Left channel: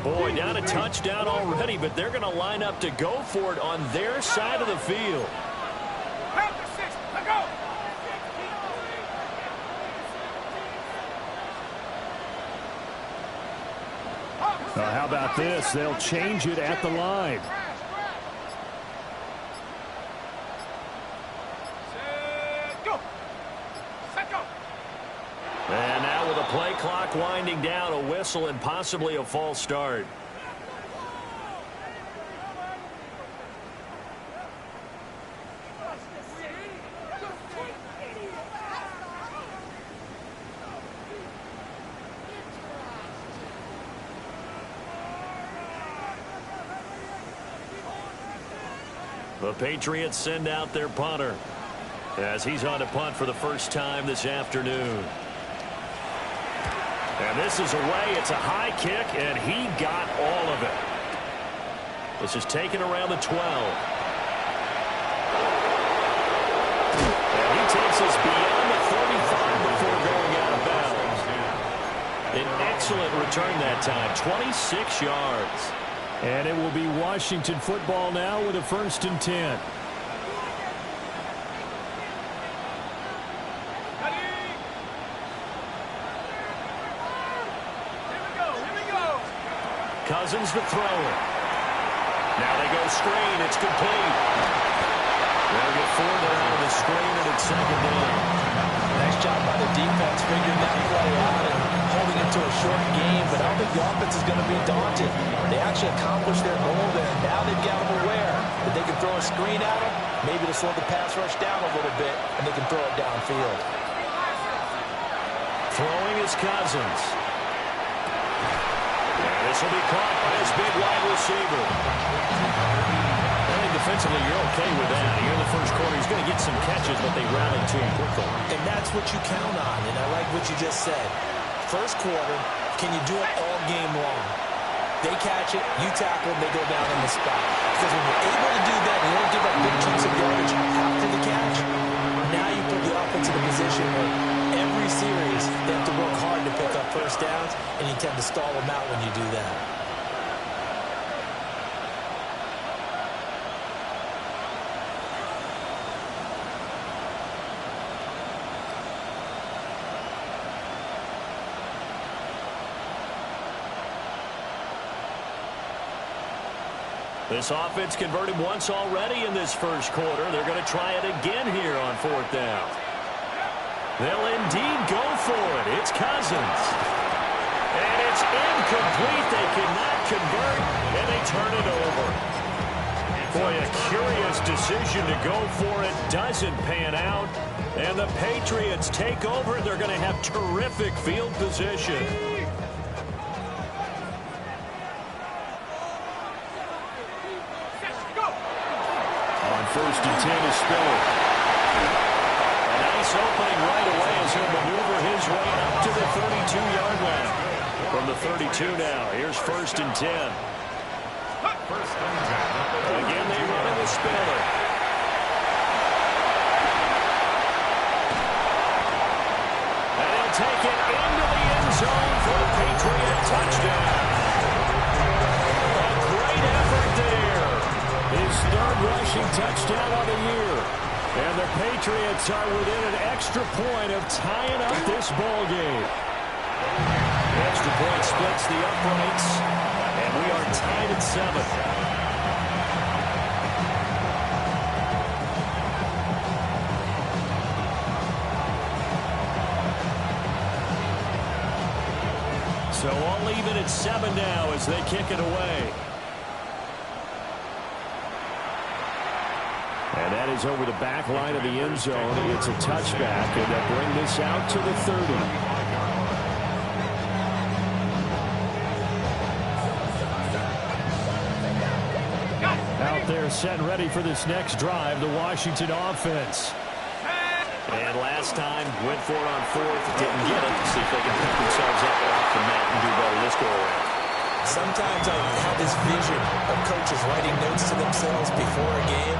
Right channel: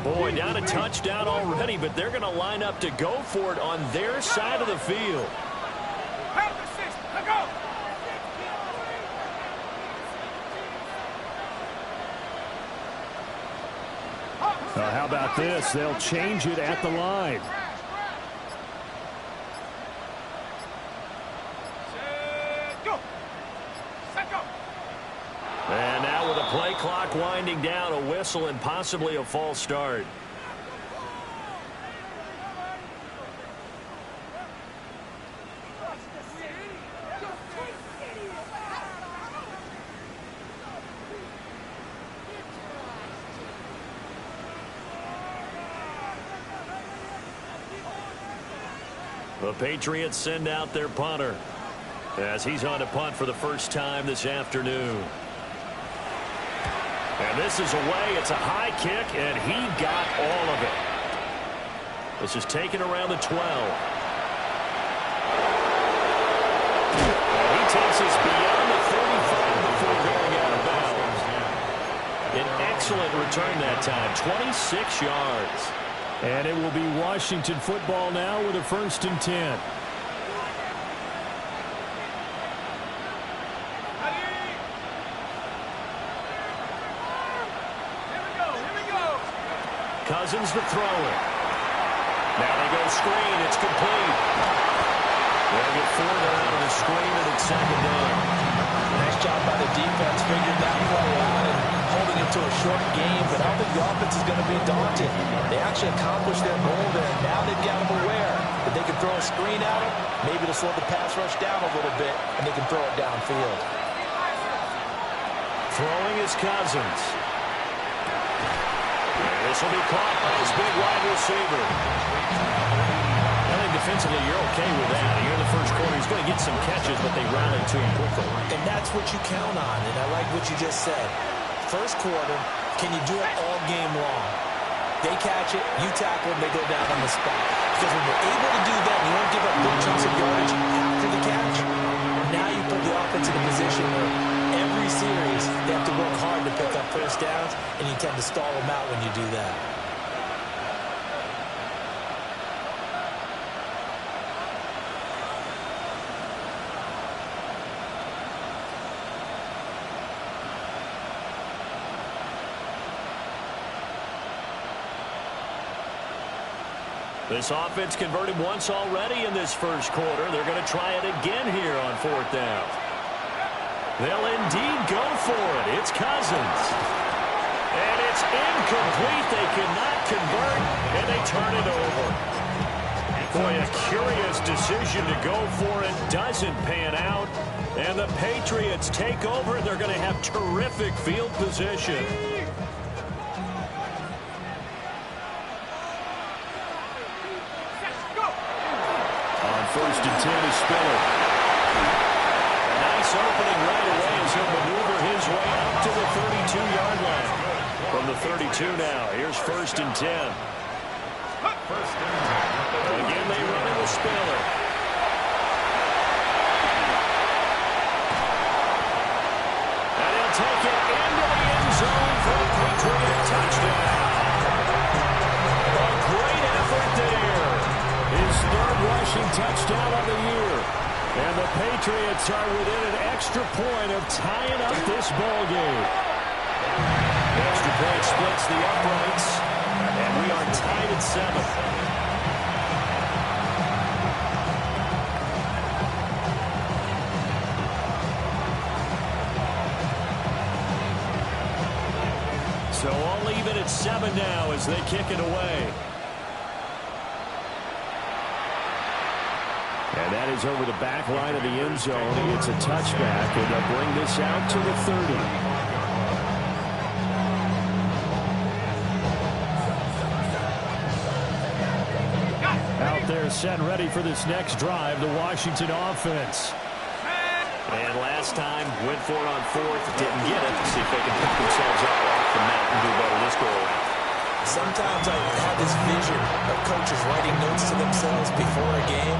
And boy, down a touchdown already, but they're going to line up to go for it on their side of the field. How about this? They'll change it at the line. And now with the play clock winding down, a whistle and possibly a false start. The Patriots send out their punter as he's on to punt for the first time this afternoon. And this is away. It's a high kick, and he got all of it. This is taken around the 12. And he takes us beyond the 35 before going out of bounds. An excellent return that time, 26 yards. And it will be Washington football now with a 1st and 10. Cousins to throw it. Now they go screen. It's complete. They'll get 4 down on the screen, and it's 2nd down. Nice job by the defense figuring that play out and holding it to a short game, but I don't think the offense is going to be daunted. They actually accomplished their goal there. Now they've got them aware that they can throw a screen at them, maybe to slow the pass rush down a little bit, and they can throw it downfield. Throwing is Cousins. And this will be caught by his big wide receiver. I think defensively you're okay with that. Here in the first quarter, he's going to get some catches, but they rallied to him quickly. And that's what you count on, and I like what you just said. First quarter, can you do it all game long? They catch it, you tackle them, they go down on the spot. Because when you're able to do that, and you don't give up big chunks of yardage after the catch, now you put the offense in a position where every series they have to work hard to pick up first downs, and you tend to stall them out when you do that. This offense converted once already in this first quarter. They're going to try it again here on 4th down. They'll indeed go for it. It's Cousins. And it's incomplete. They cannot convert, and they turn it over. Boy, a curious decision to go for it. Doesn't pan out. And the Patriots take over. They're going to have terrific field position. On 1st and 10 is Spiller. A nice opening right away as he'll maneuver his way up to the 32-yard line. From the 32 now, here's 1st and 10. Again, they run it with Spiller. And he'll take it into the end zone for a Patriot touchdown. A great effort there. His 3rd rushing touchdown of the year. And the Patriots are within an extra point of tying up this ball game. The extra point splits the uprights, and we are tied at 7. So all even at 7 now as they kick it away. And that is over the back line of the end zone. He gets a touchback, and they'll bring this out to the 30. Out there set and ready for this next drive, the Washington offense. And last time, went for it on 4th, didn't get it. See if they can pick themselves up off the mat and do better this go-around. Sometimes I have this vision of coaches writing notes to themselves before a game.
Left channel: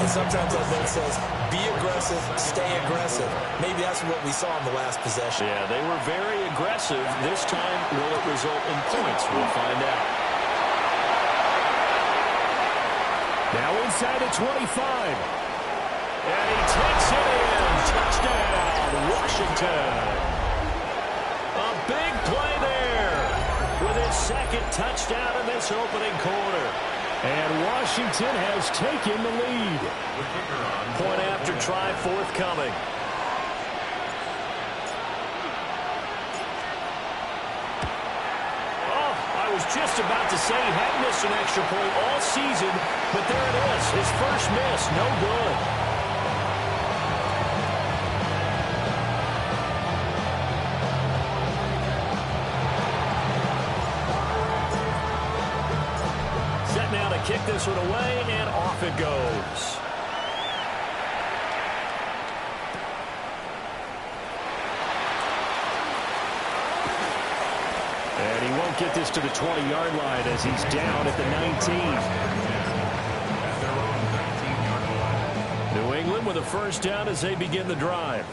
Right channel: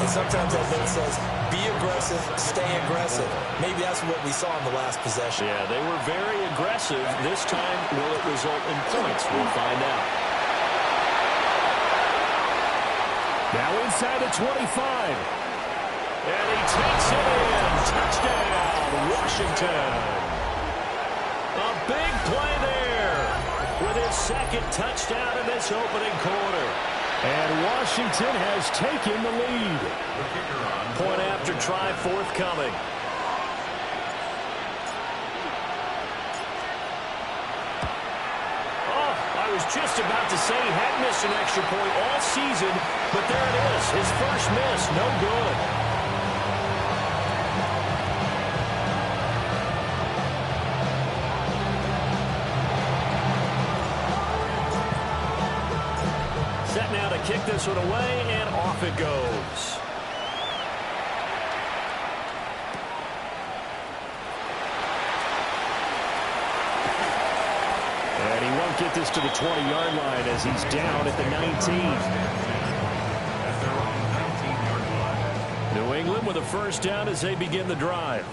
And sometimes that note says, be aggressive, stay aggressive. Maybe that's what we saw in the last possession. Yeah, they were very aggressive. This time, will it result in points? We'll find out. Now inside the 25. And he takes it in. Touchdown, Washington. A big play there with his second touchdown in this opening quarter. And Washington has taken the lead. Point after try forthcoming. Oh, I was just about to say he hadn't missed an extra point all season, but there it is. His first miss, no good. Set now to kick this one away, and off it goes. And he won't get this to the 20-yard line as he's down at the 19. At their own 19-yard line. New England with a first down as they begin the drive.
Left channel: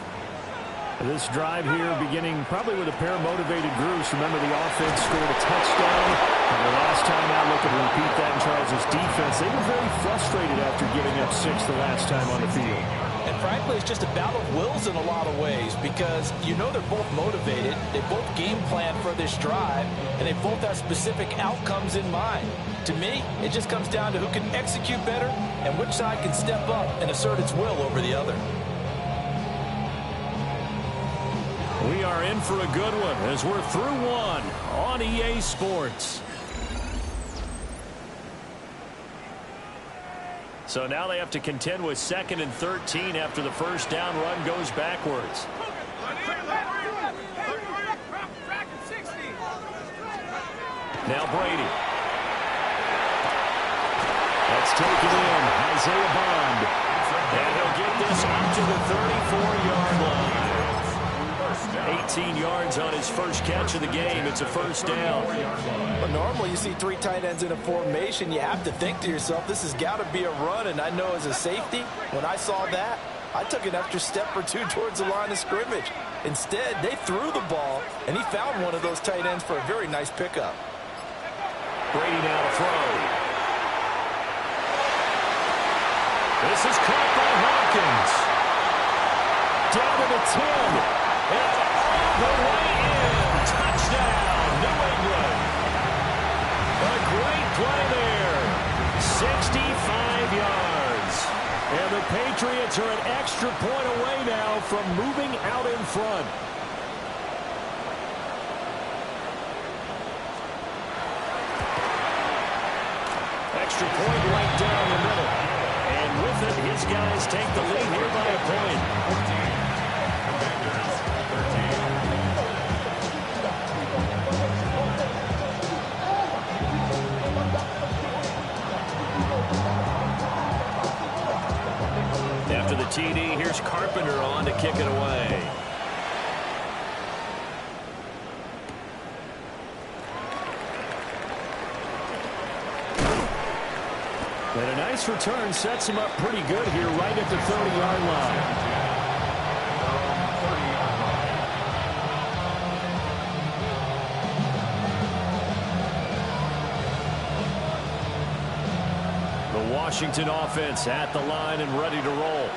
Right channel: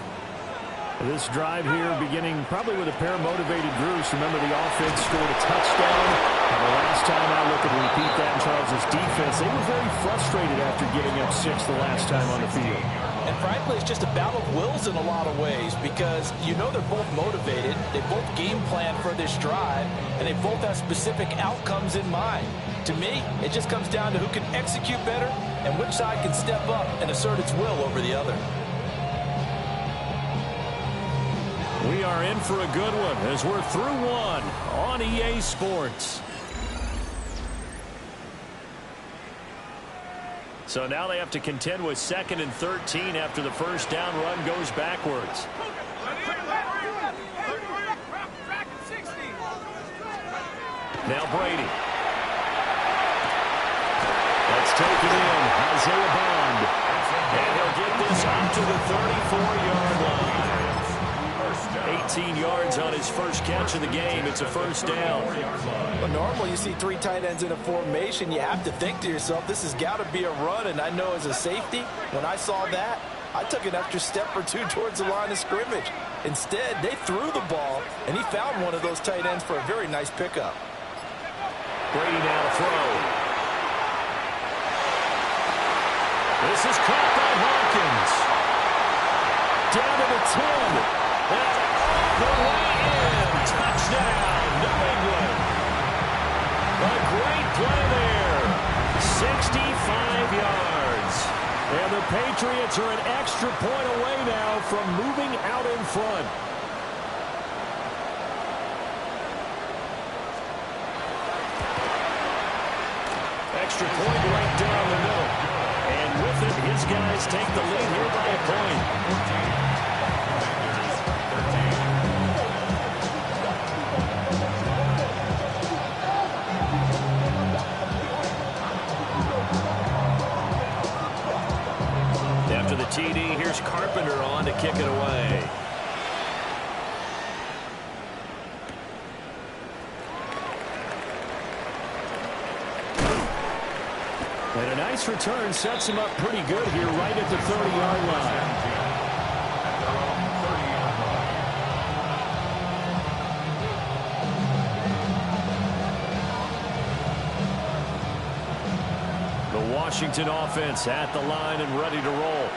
This drive here beginning probably with a pair of motivated groups. Remember, the offense scored a touchdown. And the last time out, look at repeat that in Charles' defense. They were very frustrated after giving up 6 the last time on the field. And frankly, it's just a battle of wills in a lot of ways because you know they're both motivated. They both game plan for this drive, and they both have specific outcomes in mind. To me, it just comes down to who can execute better and which side can step up and assert its will over the other. We are in for a good one as we're through one on EA Sports. So now they have to contend with 2nd and 13 after the first down run goes backwards. Now Brady. That's taken in. Isaiah Bond. And he'll get this up to the 34-yard line. 18 yards on his first catch of the game. It's a first down. But normally you see 3 tight ends in a formation. You have to think to yourself, this has got to be a run. And I know as a safety, when I saw that, I took an extra step or 2 towards the line of scrimmage. Instead, they threw the ball, and he found one of those tight ends for a very nice pickup. Brady now to throw. This is caught by Hawkins. Down to the 10. And all the way in. Touchdown, New England. A great play there. 65 yards. And the Patriots are an extra point away now from moving out in front. Extra point right down the middle. And with it, his guys take the lead here by a point. After the TD, here's Carpenter on to kick it away. And a nice return sets him up pretty good here right at the 30-yard line. The Washington offense at the line and ready to roll.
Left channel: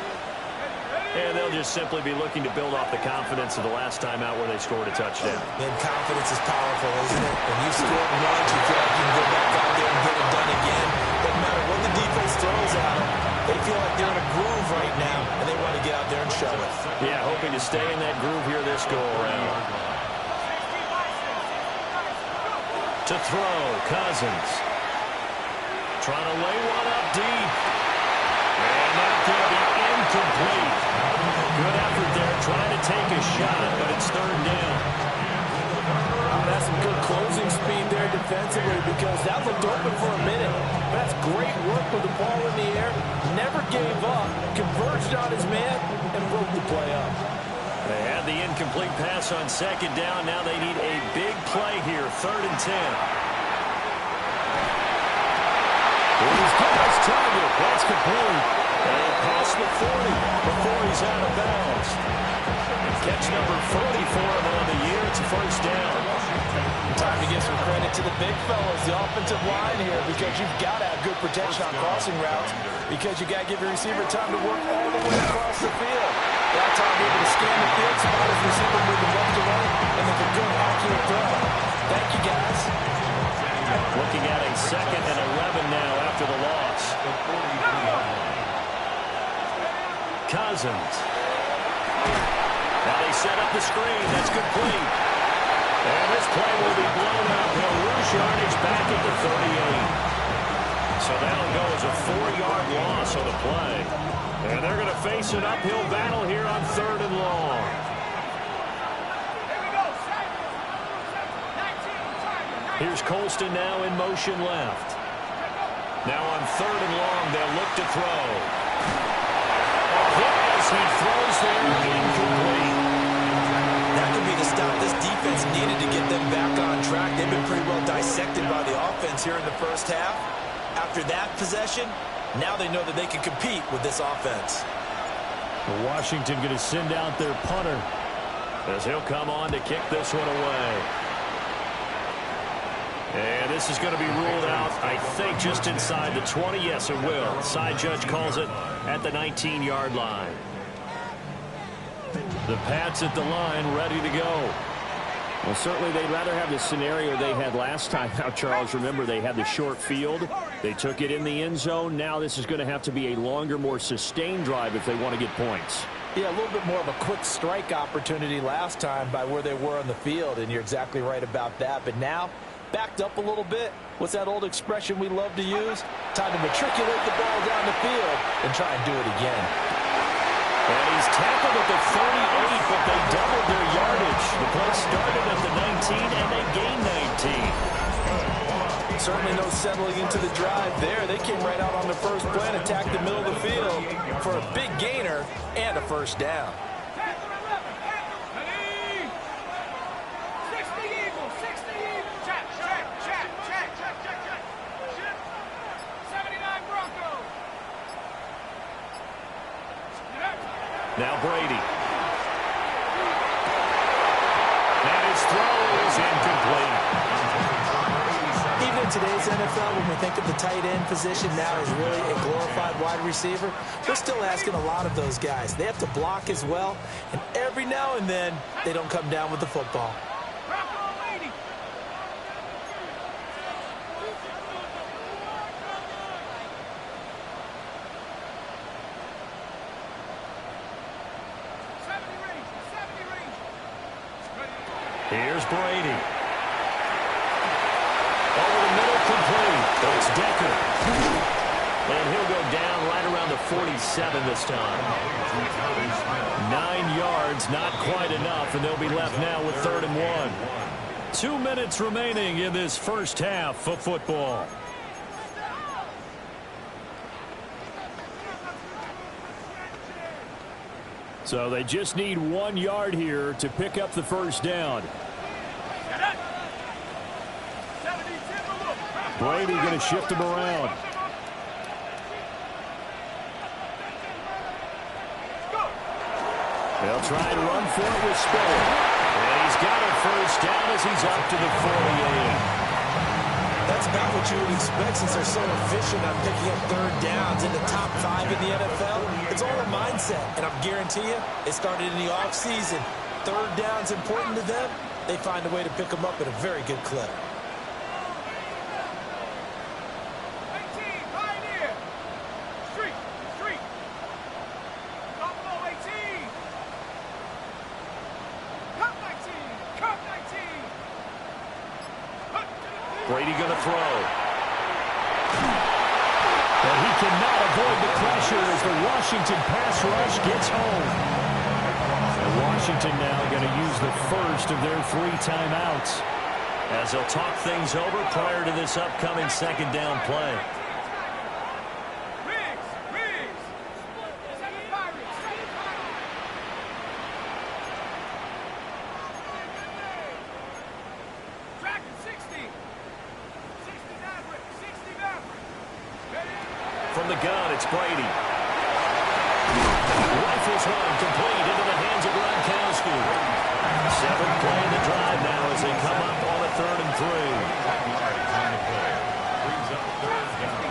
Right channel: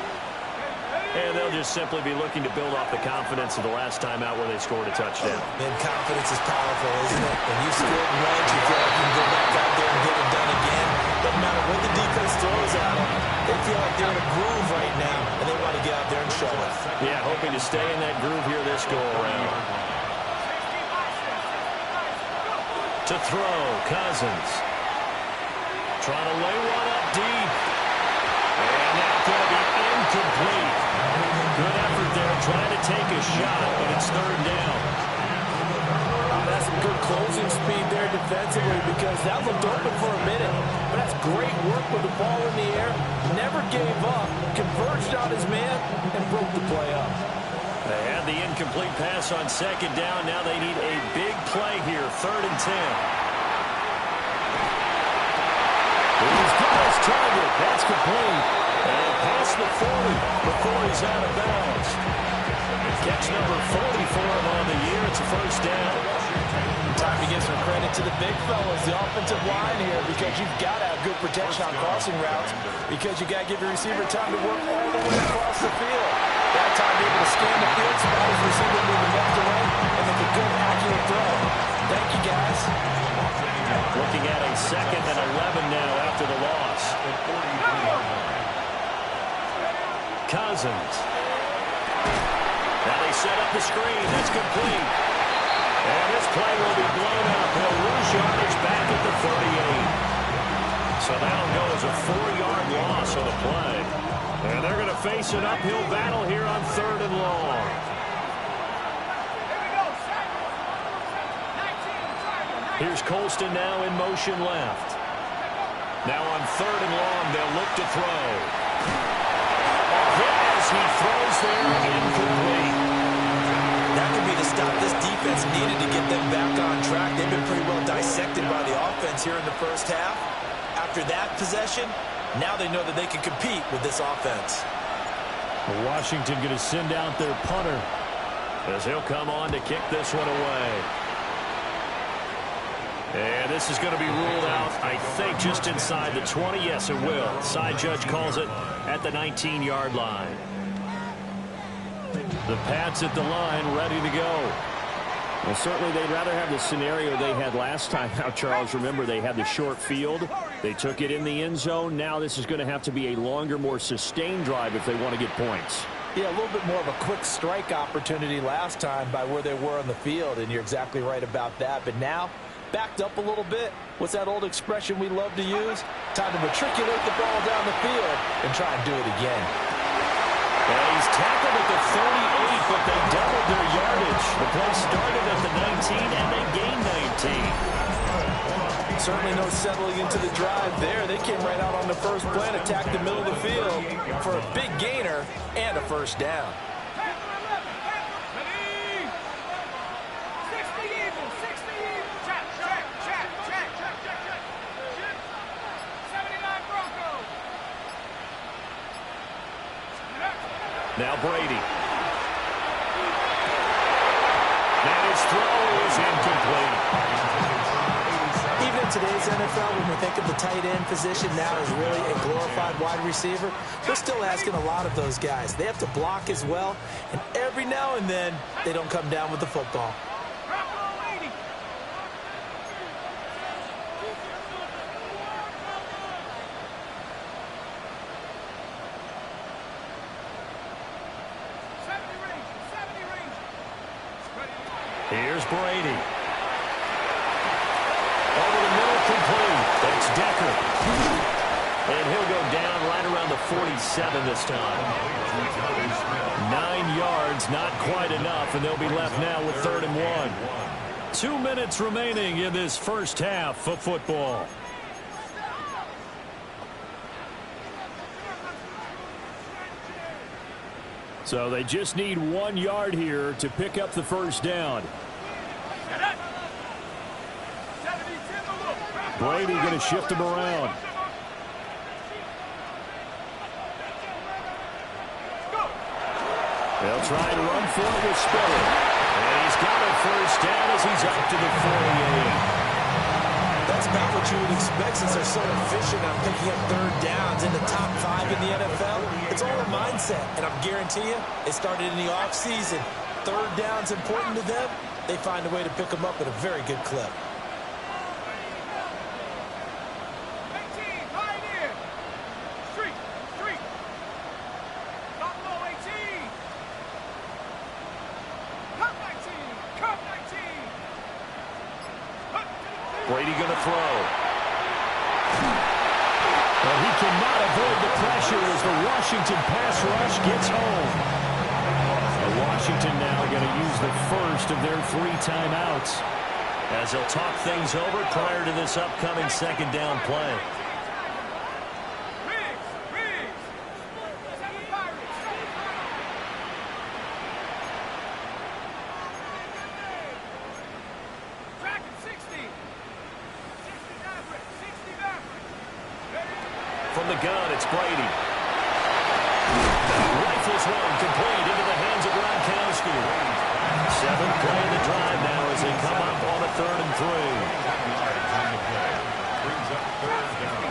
And they'll just simply be looking to build off the confidence of the last time out where they scored a touchdown. Man, confidence is powerful, isn't it? When you scored once, you feel like you can go back out there and get it done again. Doesn't matter what the defense throws at them. They feel like they're in a groove right now, and they want to get out there and show it. Yeah, hoping to stay in that groove here this go-around. To throw, Cousins. Trying to lay one up deep. And that's going to be incomplete. Good effort there, trying to take a shot, but it's 3rd down. That's some good closing speed there defensively because that looked open for a minute. But that's great work with the ball in the air. Never gave up, converged on his man, and broke the play up. They had the incomplete pass on 2nd down. Now they need a big play here, 3rd and 10. He's got his target. That's complete. And past the 40 before he's out of bounds. Catch number 40 for him on the year. It's a first down. Time to give some credit to the big fellas, the offensive line here, because you've got to have good protection on crossing routes, because you got to give your receiver time to work all the way across the field. That time able to scan the field, spot his receiver moving left to right, and make a good, accurate throw. Thank you, guys. Looking at a 2nd and 11 now after the loss. Cousins. Now they set up the screen. That's complete. And this play will be blown up. He'll lose yardage back at the 38. So that'll go as a 4-yard loss on the play. And they're going to face an uphill battle here on 3rd and long. Here's Colston now in motion left. Now on 3rd and long, they'll look to throw. A hit as he throws there, incomplete. That could be the stop this defense needed to get them back on track. They've been pretty well dissected by the offense here in the first half. After that possession, now they know that they can compete with this offense. Washington going to send out their punter, As he'll come on to kick this one away. And this is going to be ruled out, I think, just inside the 20. Yes, it will. Side judge calls it at the 19-yard line. the Pats at the line, ready to go. Well, certainly they'd rather have the scenario they had last time. Now, Charles, remember, they had the short field. They took it in the end zone. Now this is going to have to be a longer, more sustained drive if they want to get points. Yeah, a little bit more of a quick strike opportunity last time by where they were on the field, and you're exactly right about that. But now, backed up a little bit. What's that old expression we love to use? Time to matriculate the ball down the field and try and do it again. And he's tackled at the 38, but they doubled their yardage. The play started at the 19, and they gained 19. Certainly no settling into the drive there. They came right out on the first play and attacked the middle of the field for a big gainer and a first down. Now Brady. And his throw is incomplete. Even in today's NFL, when we think of the tight end position now as really a glorified wide receiver, we're still asking a lot of those guys. They have to block as well, and every now and then, they don't come down with the football. Here's Brady. Over the middle, complete. It's Decker. And he'll go down right around the 47 this time. 9 yards, not quite enough, and they'll be left now with 3rd and 1. 2 minutes remaining in this first half of football. So they just need 1 yard here to pick up the first down. Brady going to shift him around. They'll try and run for it with Spiller. And he's got a first down as he's up to the 48. That's about what you would expect since they're so efficient on picking up 3rd downs in the top 5 in the NFL. It's all a mindset, and I guarantee you, it started in the offseason. 3rd down's important to them. They find a way to pick them up at a very good clip. Brady going to throw. But he cannot avoid the pressure as the Washington pass rush gets home. And Washington now going to use the first of their 3 timeouts, As they'll talk things over prior to this upcoming 2nd down play. from the gun. It's Brady. Rifles one complete into the hands of Gronkowski. 7th play in the drive now as they come up on a 3rd and 3. On the play. Brings up 3rd down.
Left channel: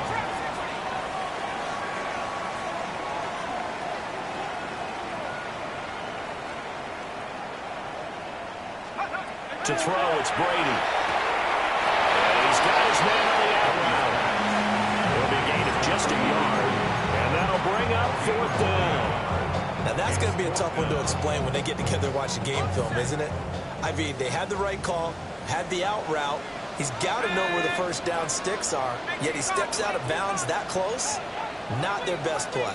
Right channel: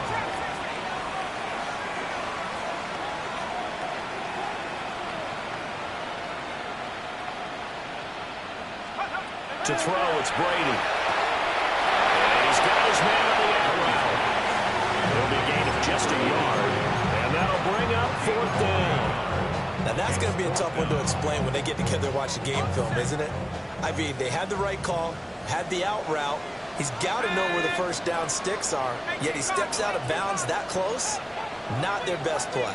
To throw, it's Brady. And he's got his man on the out route. It'll be a gain of just a yard. And that'll bring up 4th down. Now, that's going to be a tough one to explain when they get together and watch the game film, isn't it? I mean, they had the right call, had the out route. He's got to know where the first down sticks are, yet he steps out of bounds that close. Not their best play.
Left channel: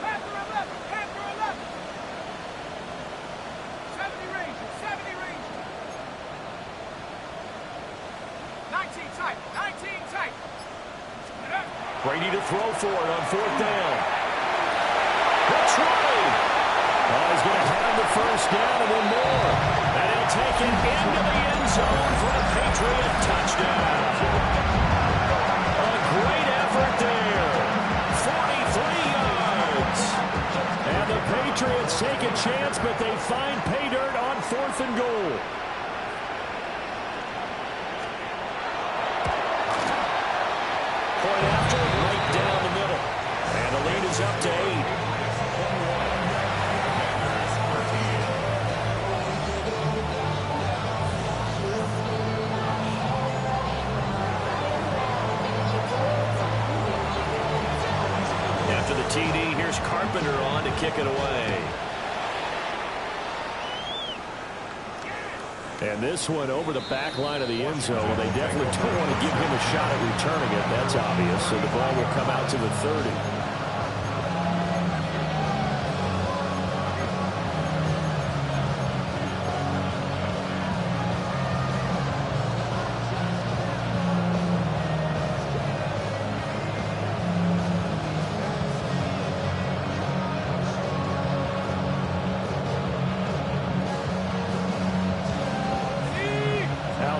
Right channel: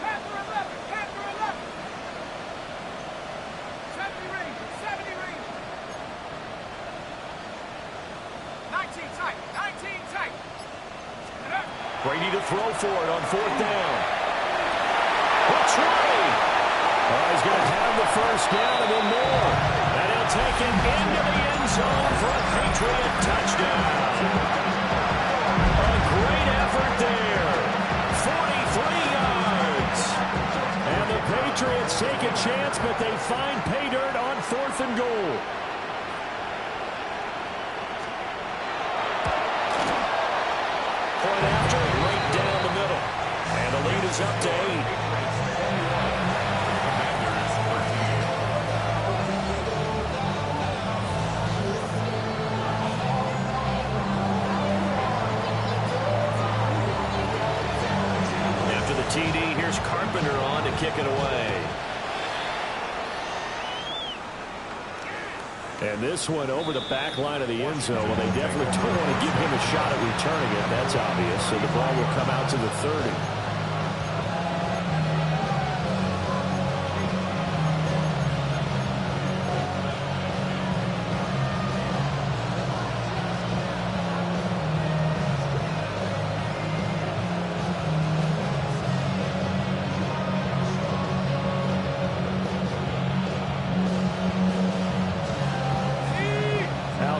Panther 11, Panther 11. 70 Ranger, 70 Ranger. 19 tight, 19 tight. Brady to throw for it on 4th down. Looks right. He's going to have the first down and then more. And he'll take it into the end zone for a Patriot touchdown. A great effort there. 43 yards. And the Patriots take a chance, but they find pay dirt on 4th and goal. Point after, right down the middle. And the lead is up to 8. After the TD, here's Carpenter on to kick it away. And this one over the back line of the end zone. Well, they definitely don't want to give him a shot at returning it. That's obvious. So the ball will come out to the 30.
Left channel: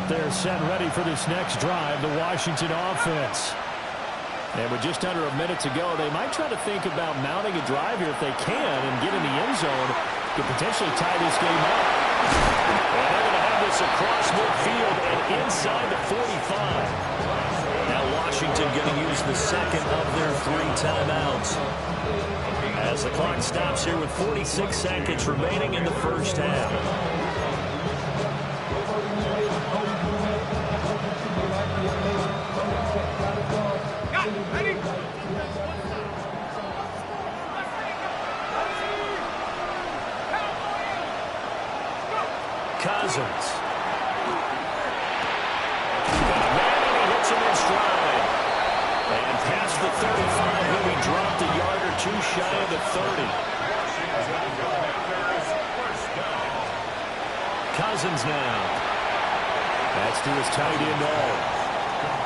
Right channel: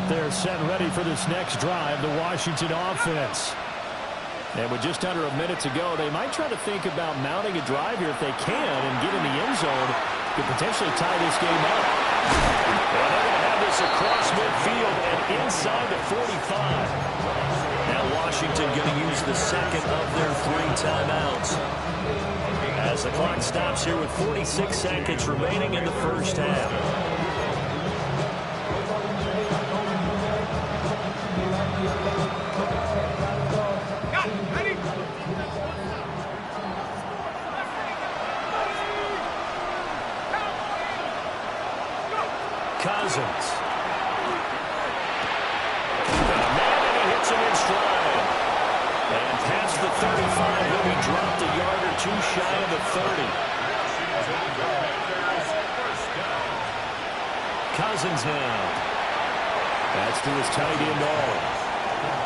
They're set ready for this next drive, the Washington offense. And with just under a minute to go, they might try to think about mounting a drive here if they can and get in the end zone to potentially tie this game up. And they're going to have this across midfield and inside the 45. Now Washington going to use the second of their 3 timeouts. As the clock stops here with 46 seconds remaining in the first half. Cousins. Got a man and he hits him in stride. And past the 35, he'll be dropped a yard or 2 shy of the 30. Cousins now. That's to his tight end all.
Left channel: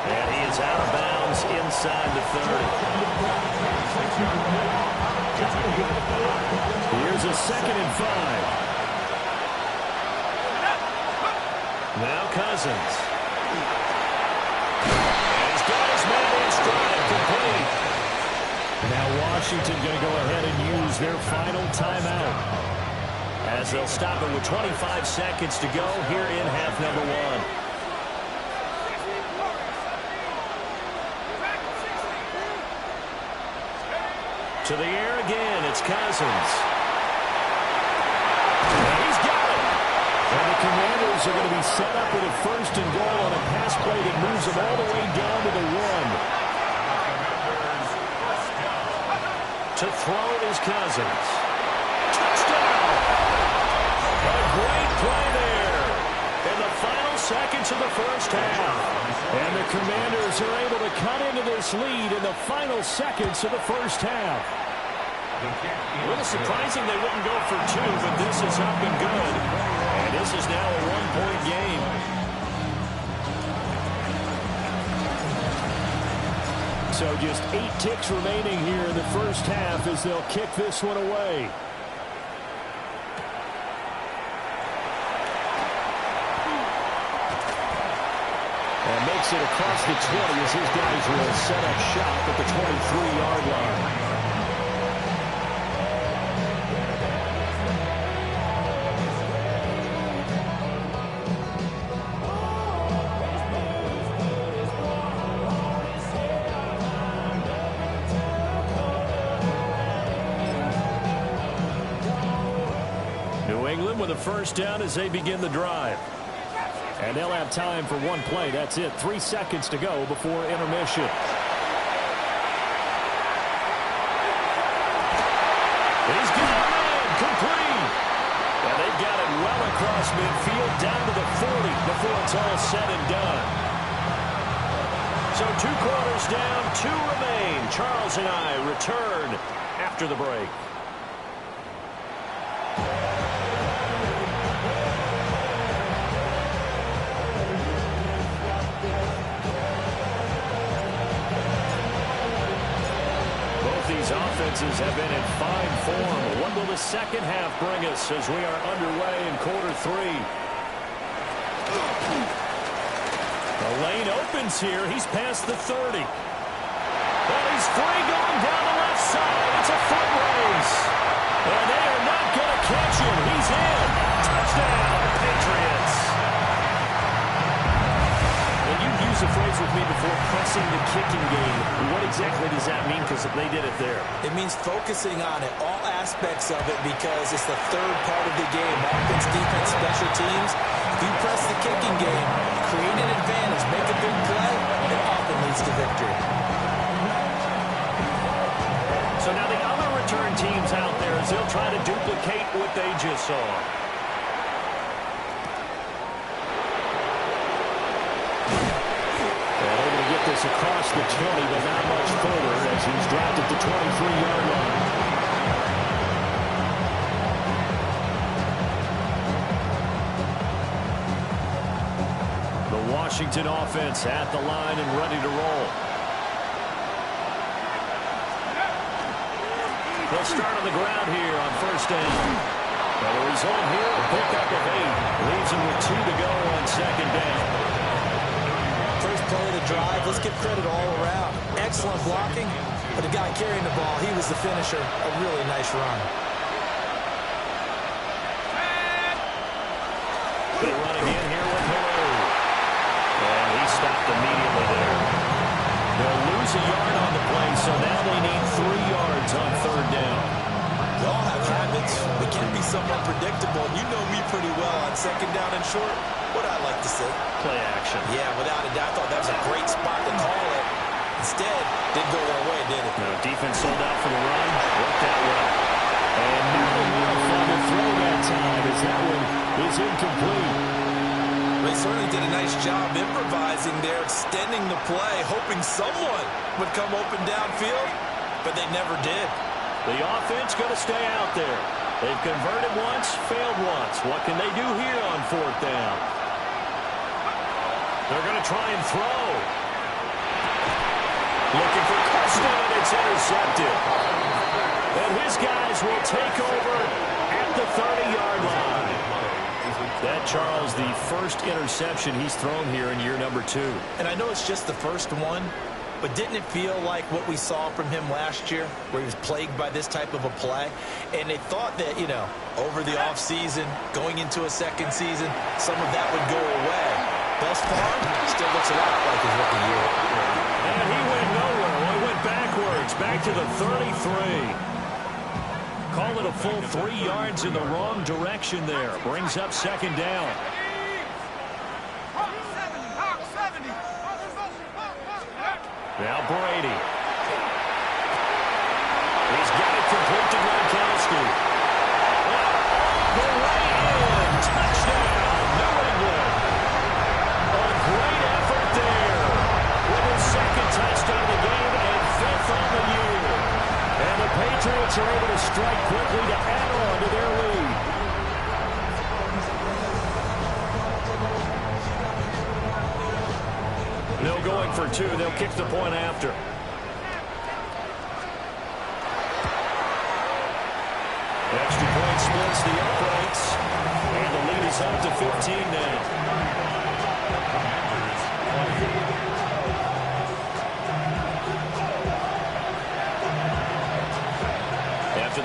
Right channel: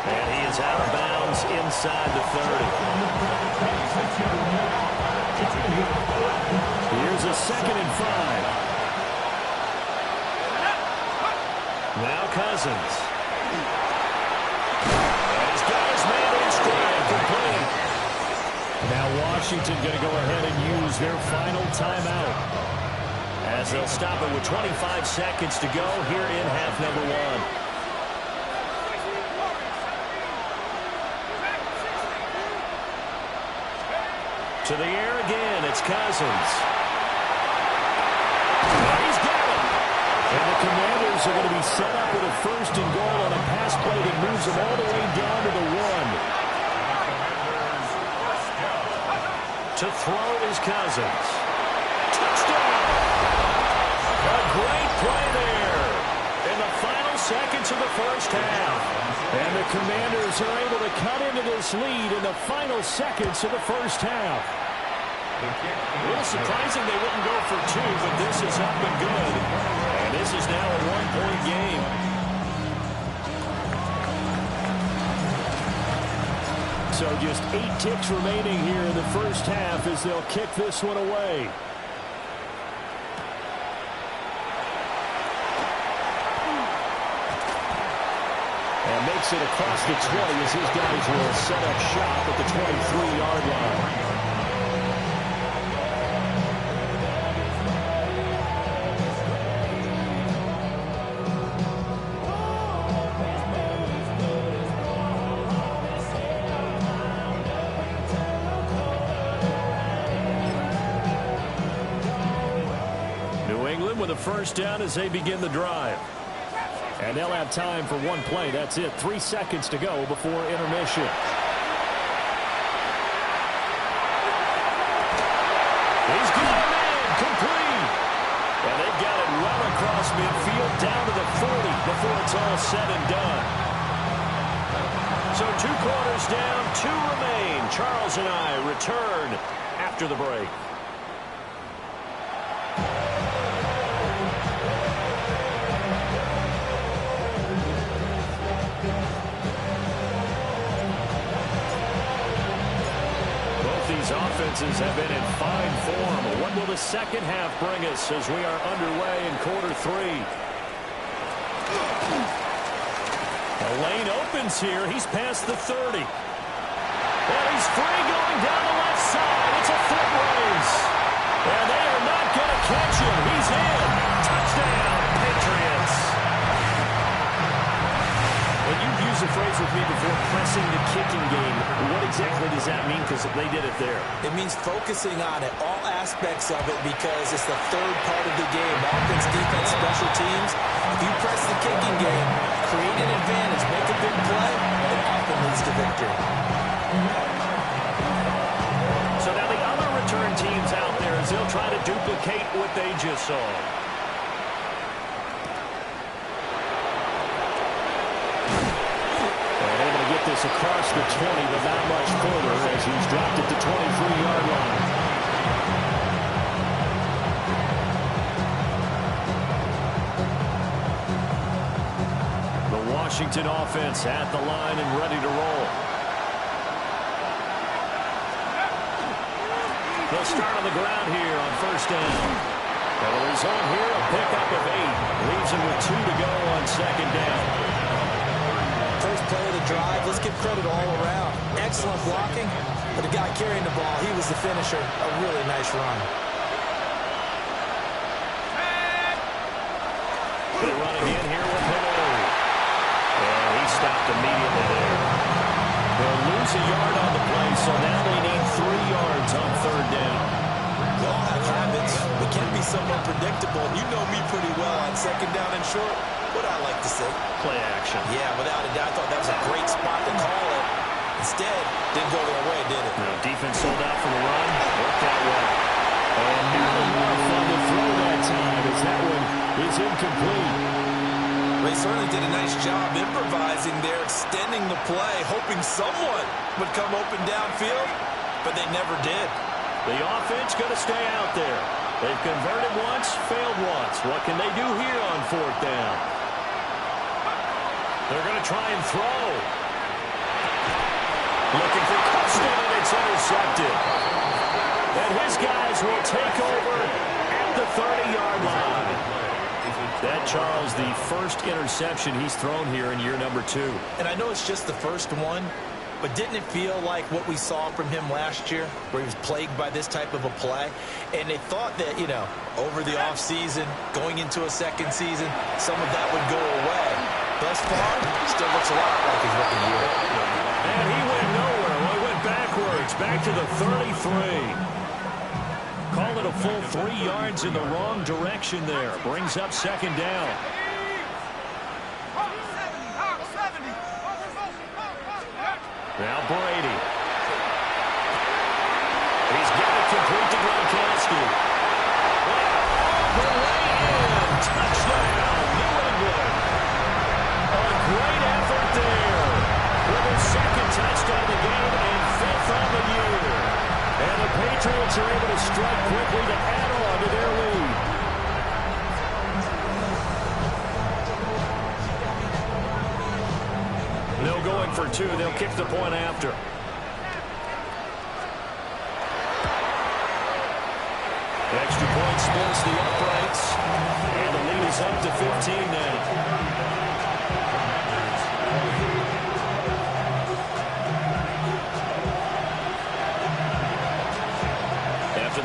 And he is out of bounds inside the 30. Here's a 2nd and 5. Now Cousins. And he's got his man in stride, complete. Now Washington going to go ahead and use their final timeout. As they'll stop it with 25 seconds to go here in half number 1. To the air again, it's Cousins. And he's got it. And the Commanders are going to be set up with a 1st and goal on a pass play that moves them all the way down to the 1. To throw is Cousins. Touchdown! A great play there in the final seconds of the first half. And the Commanders are able to cut into this lead in the final seconds of the first half. A little surprising they wouldn't go for 2, but this is up and good. And this is now a 1-point game. So just 8 ticks remaining here in the first half as they'll kick this one away. And takes it across the 20 as his guys will set up shop at the 23-yard line. New England with a first down as they begin the drive. And they'll have time for one play. That's it. 3 seconds to go before intermission. He's got a man complete. And they've got it well across midfield down to the 40 before it's all said and done. So 2 quarters down, 2 remain. Charles and I return after the break. These offenses have been in fine form. What will the second half bring us as we are underway in quarter 3? The lane opens here. He's past the 30. And he's free going down the left side. It's a foot race. And they are not going to catch him. He's in. Touchdown, Patriots. And you've used the phrase with me before, pressing the kicking game. What exactly does that mean? Because they did it there. It means focusing on it, all aspects of it, because it's the third part of the game. Offense, defense, special teams. If you press the kicking game, create an advantage, make a big play, it often leads to victory. So now the other return teams out there as they'll try to duplicate what they just saw. Get this across the 20, but not much further as he's dropped at the 23-yard line. The Washington offense at the line and ready to roll. They'll start on the ground here on first down. Now the result here, a pickup of 8. Leaves them with 2 to go on second down. First play of the drive, let's give credit all around. Excellent blocking, but the guy carrying the ball, he was the finisher. A really nice run. They run again here with Hello. And he stopped immediately there. They'll lose a yard on the play, so now they need 3 yards on third down. We all have habits. We can be somewhat predictable, and you know me pretty well on second down and short. What I like to say. Play action. Yeah, without a doubt. I thought that was a great spot to call it. Instead, didn't go their way, did it? No, defense sold out for the run. Worked out well. And not enough on the throw that time as that one is incomplete. They certainly did a nice job improvising there, extending the play, hoping someone would come open downfield, but they never did. The offense going to stay out there. They've converted once, failed once. What can they do here on fourth down? They're going to try and throw. Looking for Costa, and it's intercepted. And his guys will take over at the 30-yard line. That, Charles, the first interception he's thrown here in year number 2. And I know it's just the first one, but didn't it feel like what we saw from him last year, where he was plagued by this type of a play? And they thought that, you know, over the offseason, going into a second season, some of that would go away. Thus far, still looks a lot like his rookie year. And he went nowhere. Well, he went backwards, back to the 33. Call it a full 3 yards in the wrong direction there. Brings up second down. Now Brady. He's got it complete to Gronkowski. All the way in. Touchdown, New England. A great effort there. With his second touchdown of the game and 5th on the year. And the Patriots are able to strike quickly to add on to their lead. They'll going for 2. They'll kick the point after. Extra point splits the uprights. And the lead is up to 15 now. Commanders 20.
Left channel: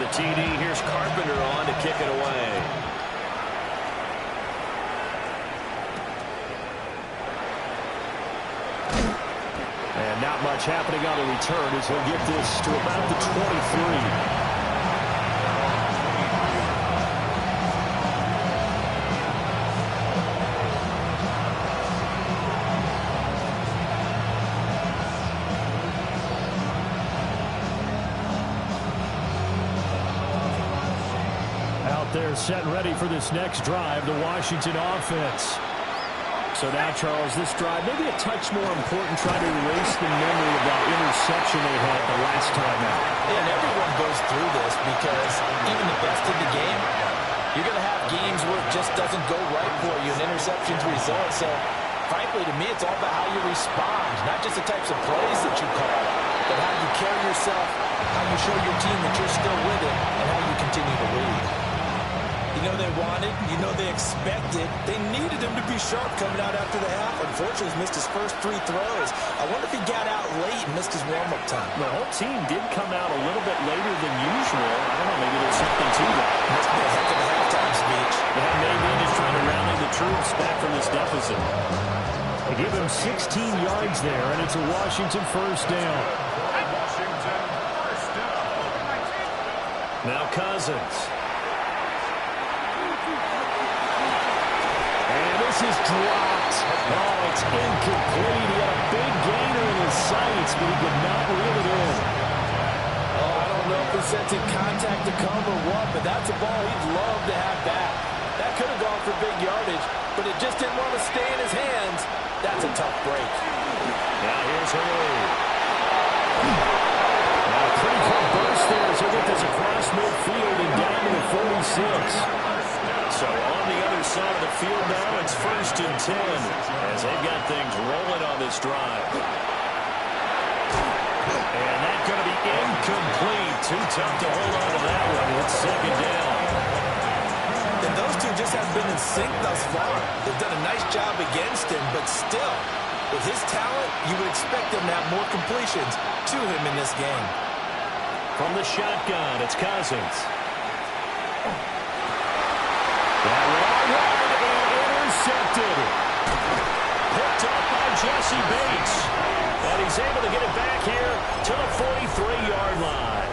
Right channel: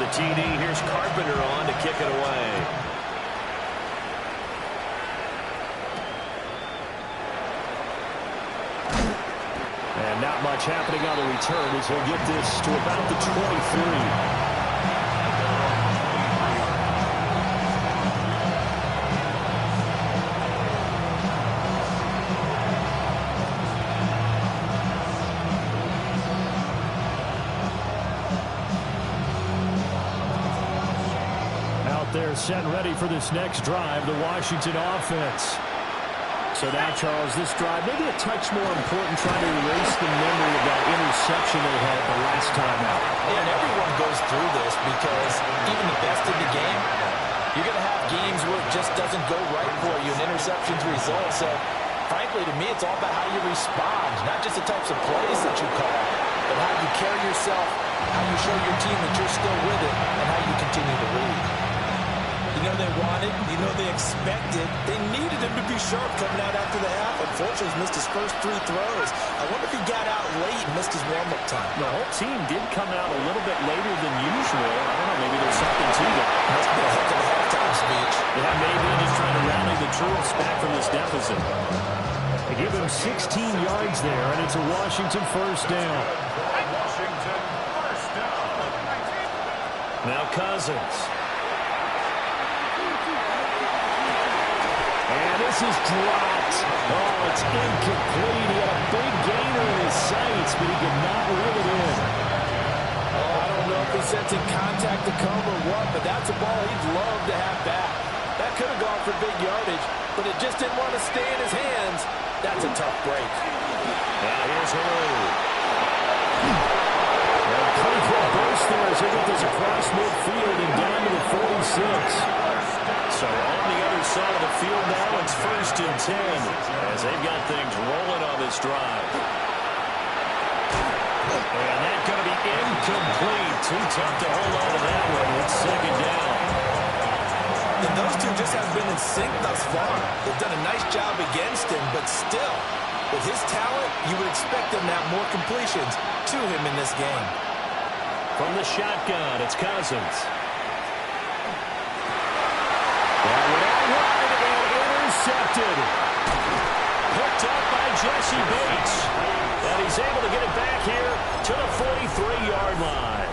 the TD, here's Carpenter on to kick it away. And not much happening on the return as he'll get this to about the 23. They're set and ready for this next drive, the Washington offense. So now, Charles, this drive maybe a touch more important, trying to erase the memory of that interception they had the last time out. Yeah, and everyone goes through this because even the best in the game, you're going to have games where it just doesn't go right for you, and interceptions result. So, frankly, to me, it's all about how you respond, not just the types of plays that you call, but how you carry yourself, how you show your team that you're still with it, and how you continue to lead. You know they wanted, you know they expected. They needed him to be sharp coming out after the half. Unfortunately, he's missed his first 3 throws. I wonder if he got out late and missed his warm-up time. The whole team did come out a little bit later than usual. I don't know, maybe there's something to that. Must be a heck of a halftime speech. Yeah, maybe just trying to rally the troops back from this deficit. They give him 16 yards there, and it's a Washington first down. Washington first down. Now Cousins. And this is dropped. Oh, it's incomplete. He had a big gainer in his sights, but he could not reel it in. Oh, I don't know if he's sensing contact to come or what, but that's a ball he'd love to have back. That could have gone for big yardage, but it just didn't want to stay in his hands. That's a tough break. Now here's Haru. Now, pretty quick burst there as he'll get this across midfield and down to the 46. So on the other side of the field now, it's 1st and 10 as they've got things rolling on this drive. And that's going to be incomplete. Too tough to hold on to that one. It's 2nd down. And those two just haven't been in sync thus far. They've done a nice job against him, but still, with his talent, you would expect him to have more completions to him in this game. From the shotgun, it's Cousins. That went out wide and intercepted. Picked up by Jesse Bates. And he's able to get it back here to the 43-yard line.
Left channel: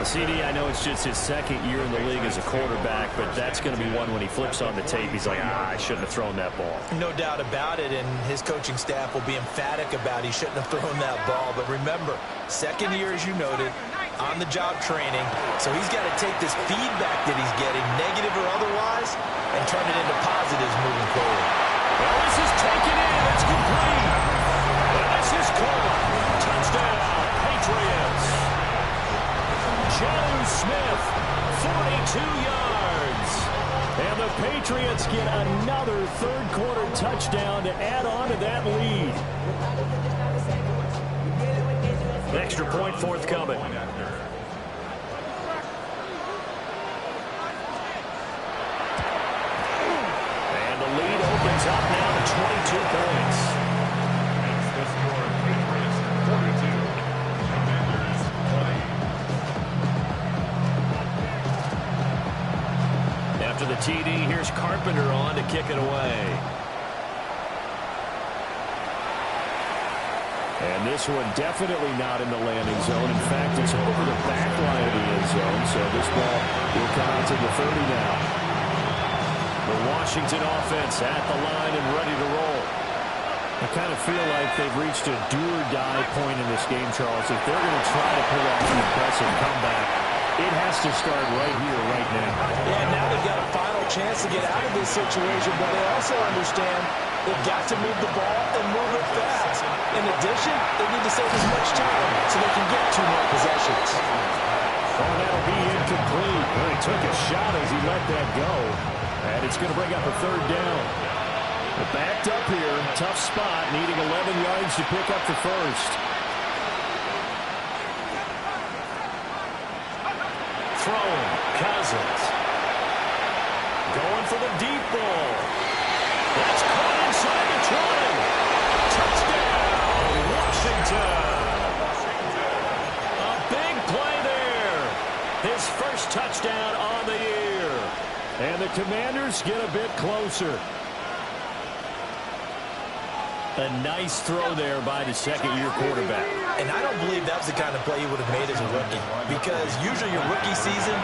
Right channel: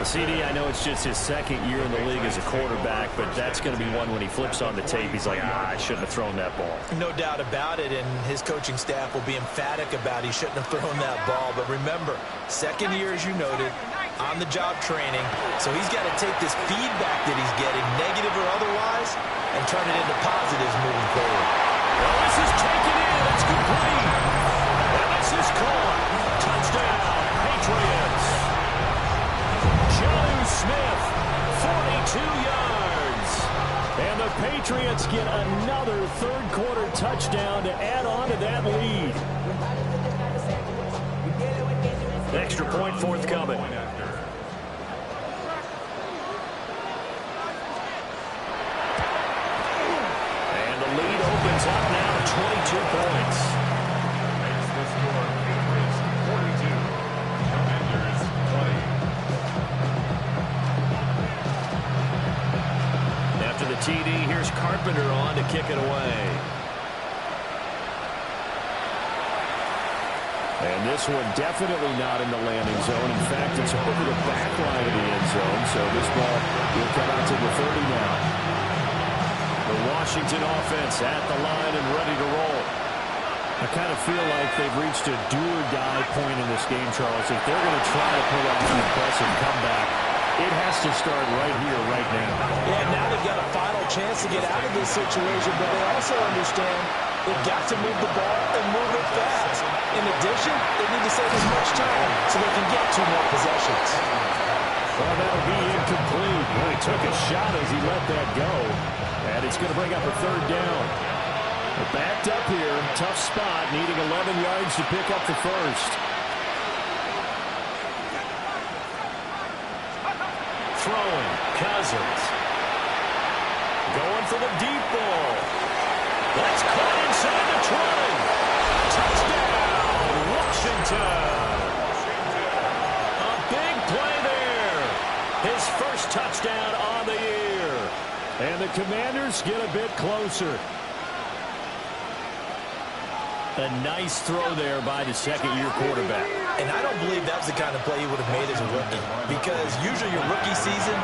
CD, I know it's just his 2nd year in the league as a quarterback, but that's going to be one when he flips on the tape. He's like, I shouldn't have thrown that ball. No doubt about it, and his coaching staff will be emphatic about he shouldn't have thrown that ball. But remember, 2nd year, as you noted, on-the-job training, so he's got to take this feedback that he's getting, negative or otherwise, and turn it into positives moving forward. Well, this is taken in. It's complete. And this is caught. Touchdown, Patriots. Jonnu Smith, 42 yards. And the Patriots get another 3rd-quarter touchdown to add on to that lead. Extra point forthcoming. And the lead opens up now to 22 points. Makes the score Patriots 42, Commanders 20. After the TD, here's Carpenter on to kick it away. And this one definitely not in the landing zone. In fact, it's over the back line of the end zone, so this ball will come out to the 30 now. The Washington offense at the line and ready to roll. I kind of feel like they've reached a do-or-die point in this game, Charles. If they're going to try to pull off an impressive comeback, it has to start right here, right now. Yeah, now they've got a final chance to get out of this situation, but they also understand they've got to move the ball and move it fast. In addition, they need to save as much time so they can get 2 more possessions. Oh, that'll be incomplete. Well, he took a shot as he let that go. And it's going to bring up a 3rd down. They're backed up here. Tough spot, needing 11 yards to pick up the first. Throwing, Cousins. Going for the deep ball. That's caught inside the 20. Touchdown, Washington. A big play there. His first touchdown on the year. And the Commanders get a bit closer. A nice throw there by the second-year quarterback. And I don't believe that was the kind of play he would have made as a rookie, because usually your rookie season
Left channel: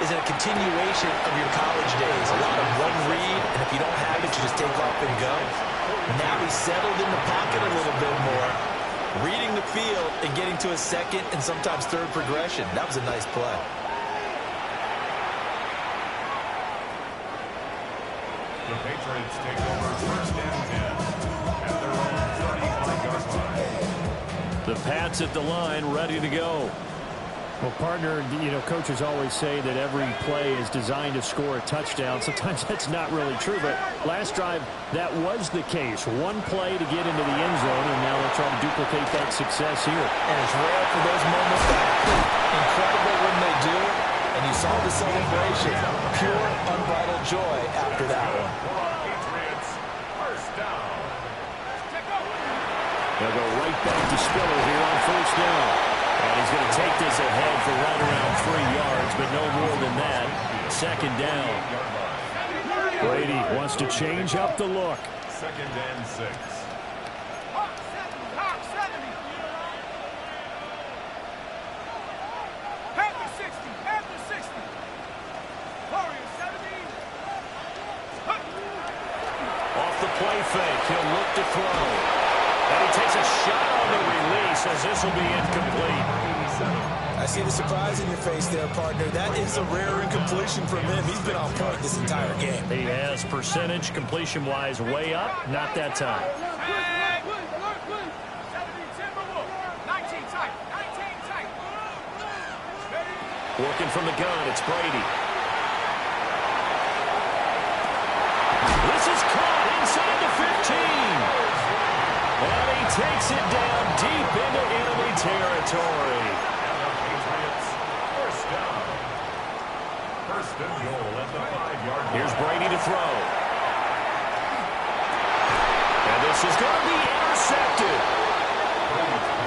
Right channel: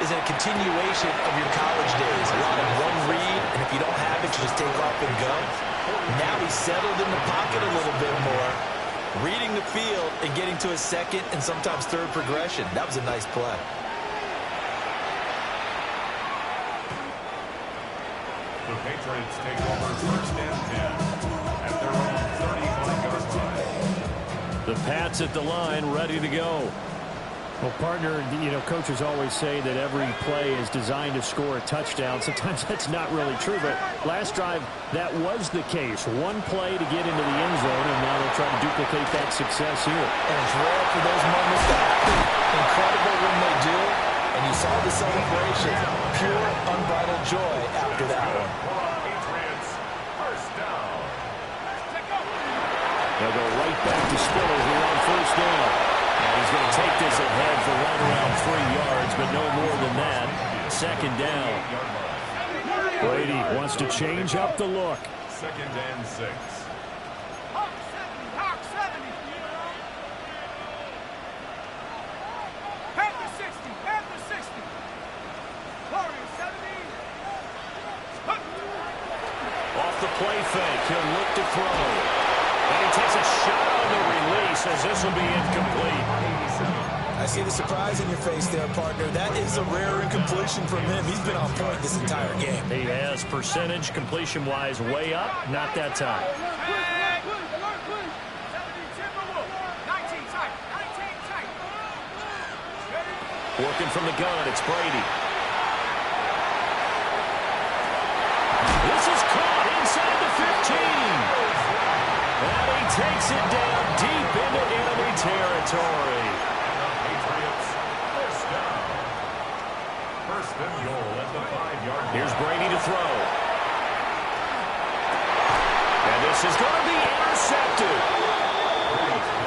is a continuation of your college days. A lot of one read, and if you don't have it, you just take off and go. Now he's settled in the pocket a little bit more, reading the field and getting to a second and sometimes third progression. That was a nice play. The Patriots take over first and 10 at their own 35-yard line. The Pats at the line, ready to go. Well, partner, you know, coaches always say that every play is designed to score a touchdown. Sometimes that's not really true, but last drive, that was the case. One play to get into the end zone, and now they'll try to duplicate that success here. And it's rare for those moments to happen. Incredible when they do. And you saw the celebration. Pure, unbridled joy after that one. Patriots, first down. They'll go right back to Spiller here on first down. And he's going to take this ahead for right around 3 yards, but no more than that. Second down. Brady wants to change up the look. Second and 6. Hawk 70, Hawk 70. Panther 60, Panther 60. Warriors 70. Off the play fake, he'll look to throw. And he takes a shot on the release as this will be incomplete. I see the surprise in your face there, partner. That is a rare incompletion from him. He's been on point this entire game. He has percentage completion-wise way up, not that time. Hey, alert, please. 70 Timberwolves. 19 tight, 19 tight. Ready? Working from the gun, it's Brady. This is caught inside the 15. And he takes it down deep into enemy territory. And the Patriots, first down. First and goal at the 5-yard line. Here's Brady to throw. And this is going to be intercepted.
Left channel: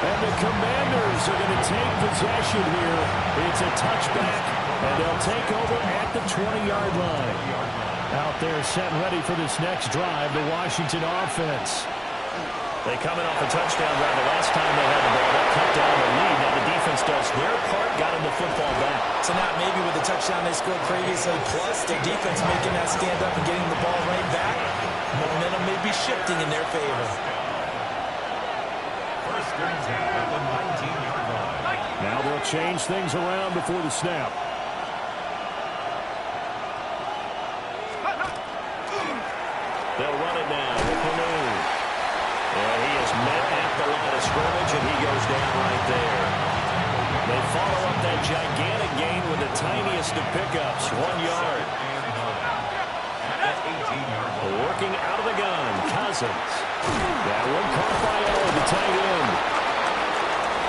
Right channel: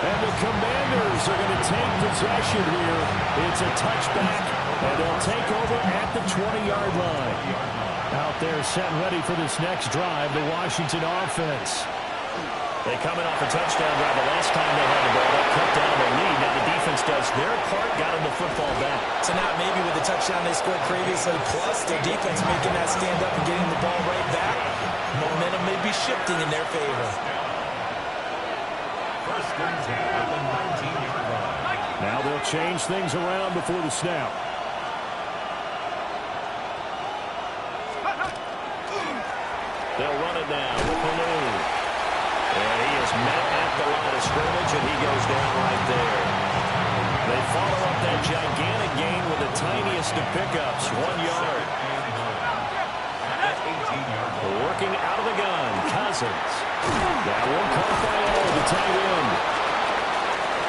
And the Commanders are going to take possession here. It's a touchback, and they'll take over at the 20-yard line. Out there set and ready for this next drive, the Washington offense. They coming off a touchdown drive the last time they had the ball. That cut down the lead. Now the defense does their part, got them the football back. So now maybe with the touchdown they scored previously, plus their defense making that stand up and getting the ball right back, momentum may be shifting in their favor. First and 10 at the 19-yard line. Now they'll change things around before the snap. They'll run it now with Baloo. And he is met at the line of scrimmage, and he goes down right there. They follow up that gigantic gain with the tiniest of pickups, 1 yard. At 18-yard line. Working out of the gun, Cousins. That one caught by Allen, the tight end.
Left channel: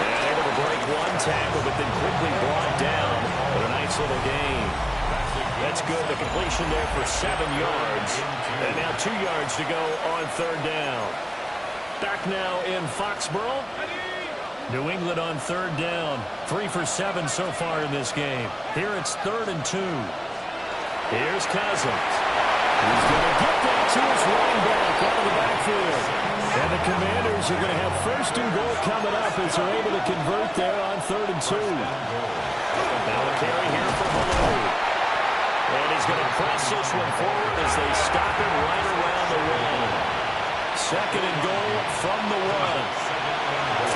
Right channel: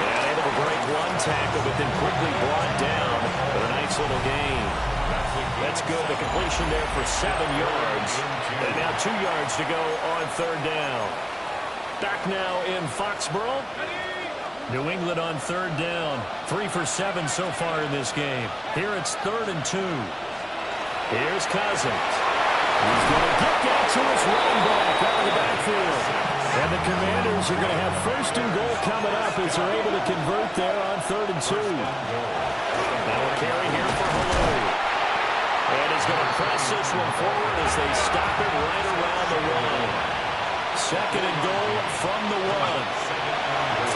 And able to break one tackle, but then quickly brought down with a nice little gain. That's good. The completion there for 7 yards. And now 2 yards to go on third down. Back now in Foxborough. New England on third down. 3 for 7 so far in this game. Here it's 3rd and 2. Here's Cousins. He's going to get that to his running back out of the backfield. And the Commanders are going to have 1st and goal coming up as they're able to convert there on 3rd and 2. Now a carry here for Baloo. And he's going to press this one forward as they stop it right around the 1. 2nd and goal from the 1.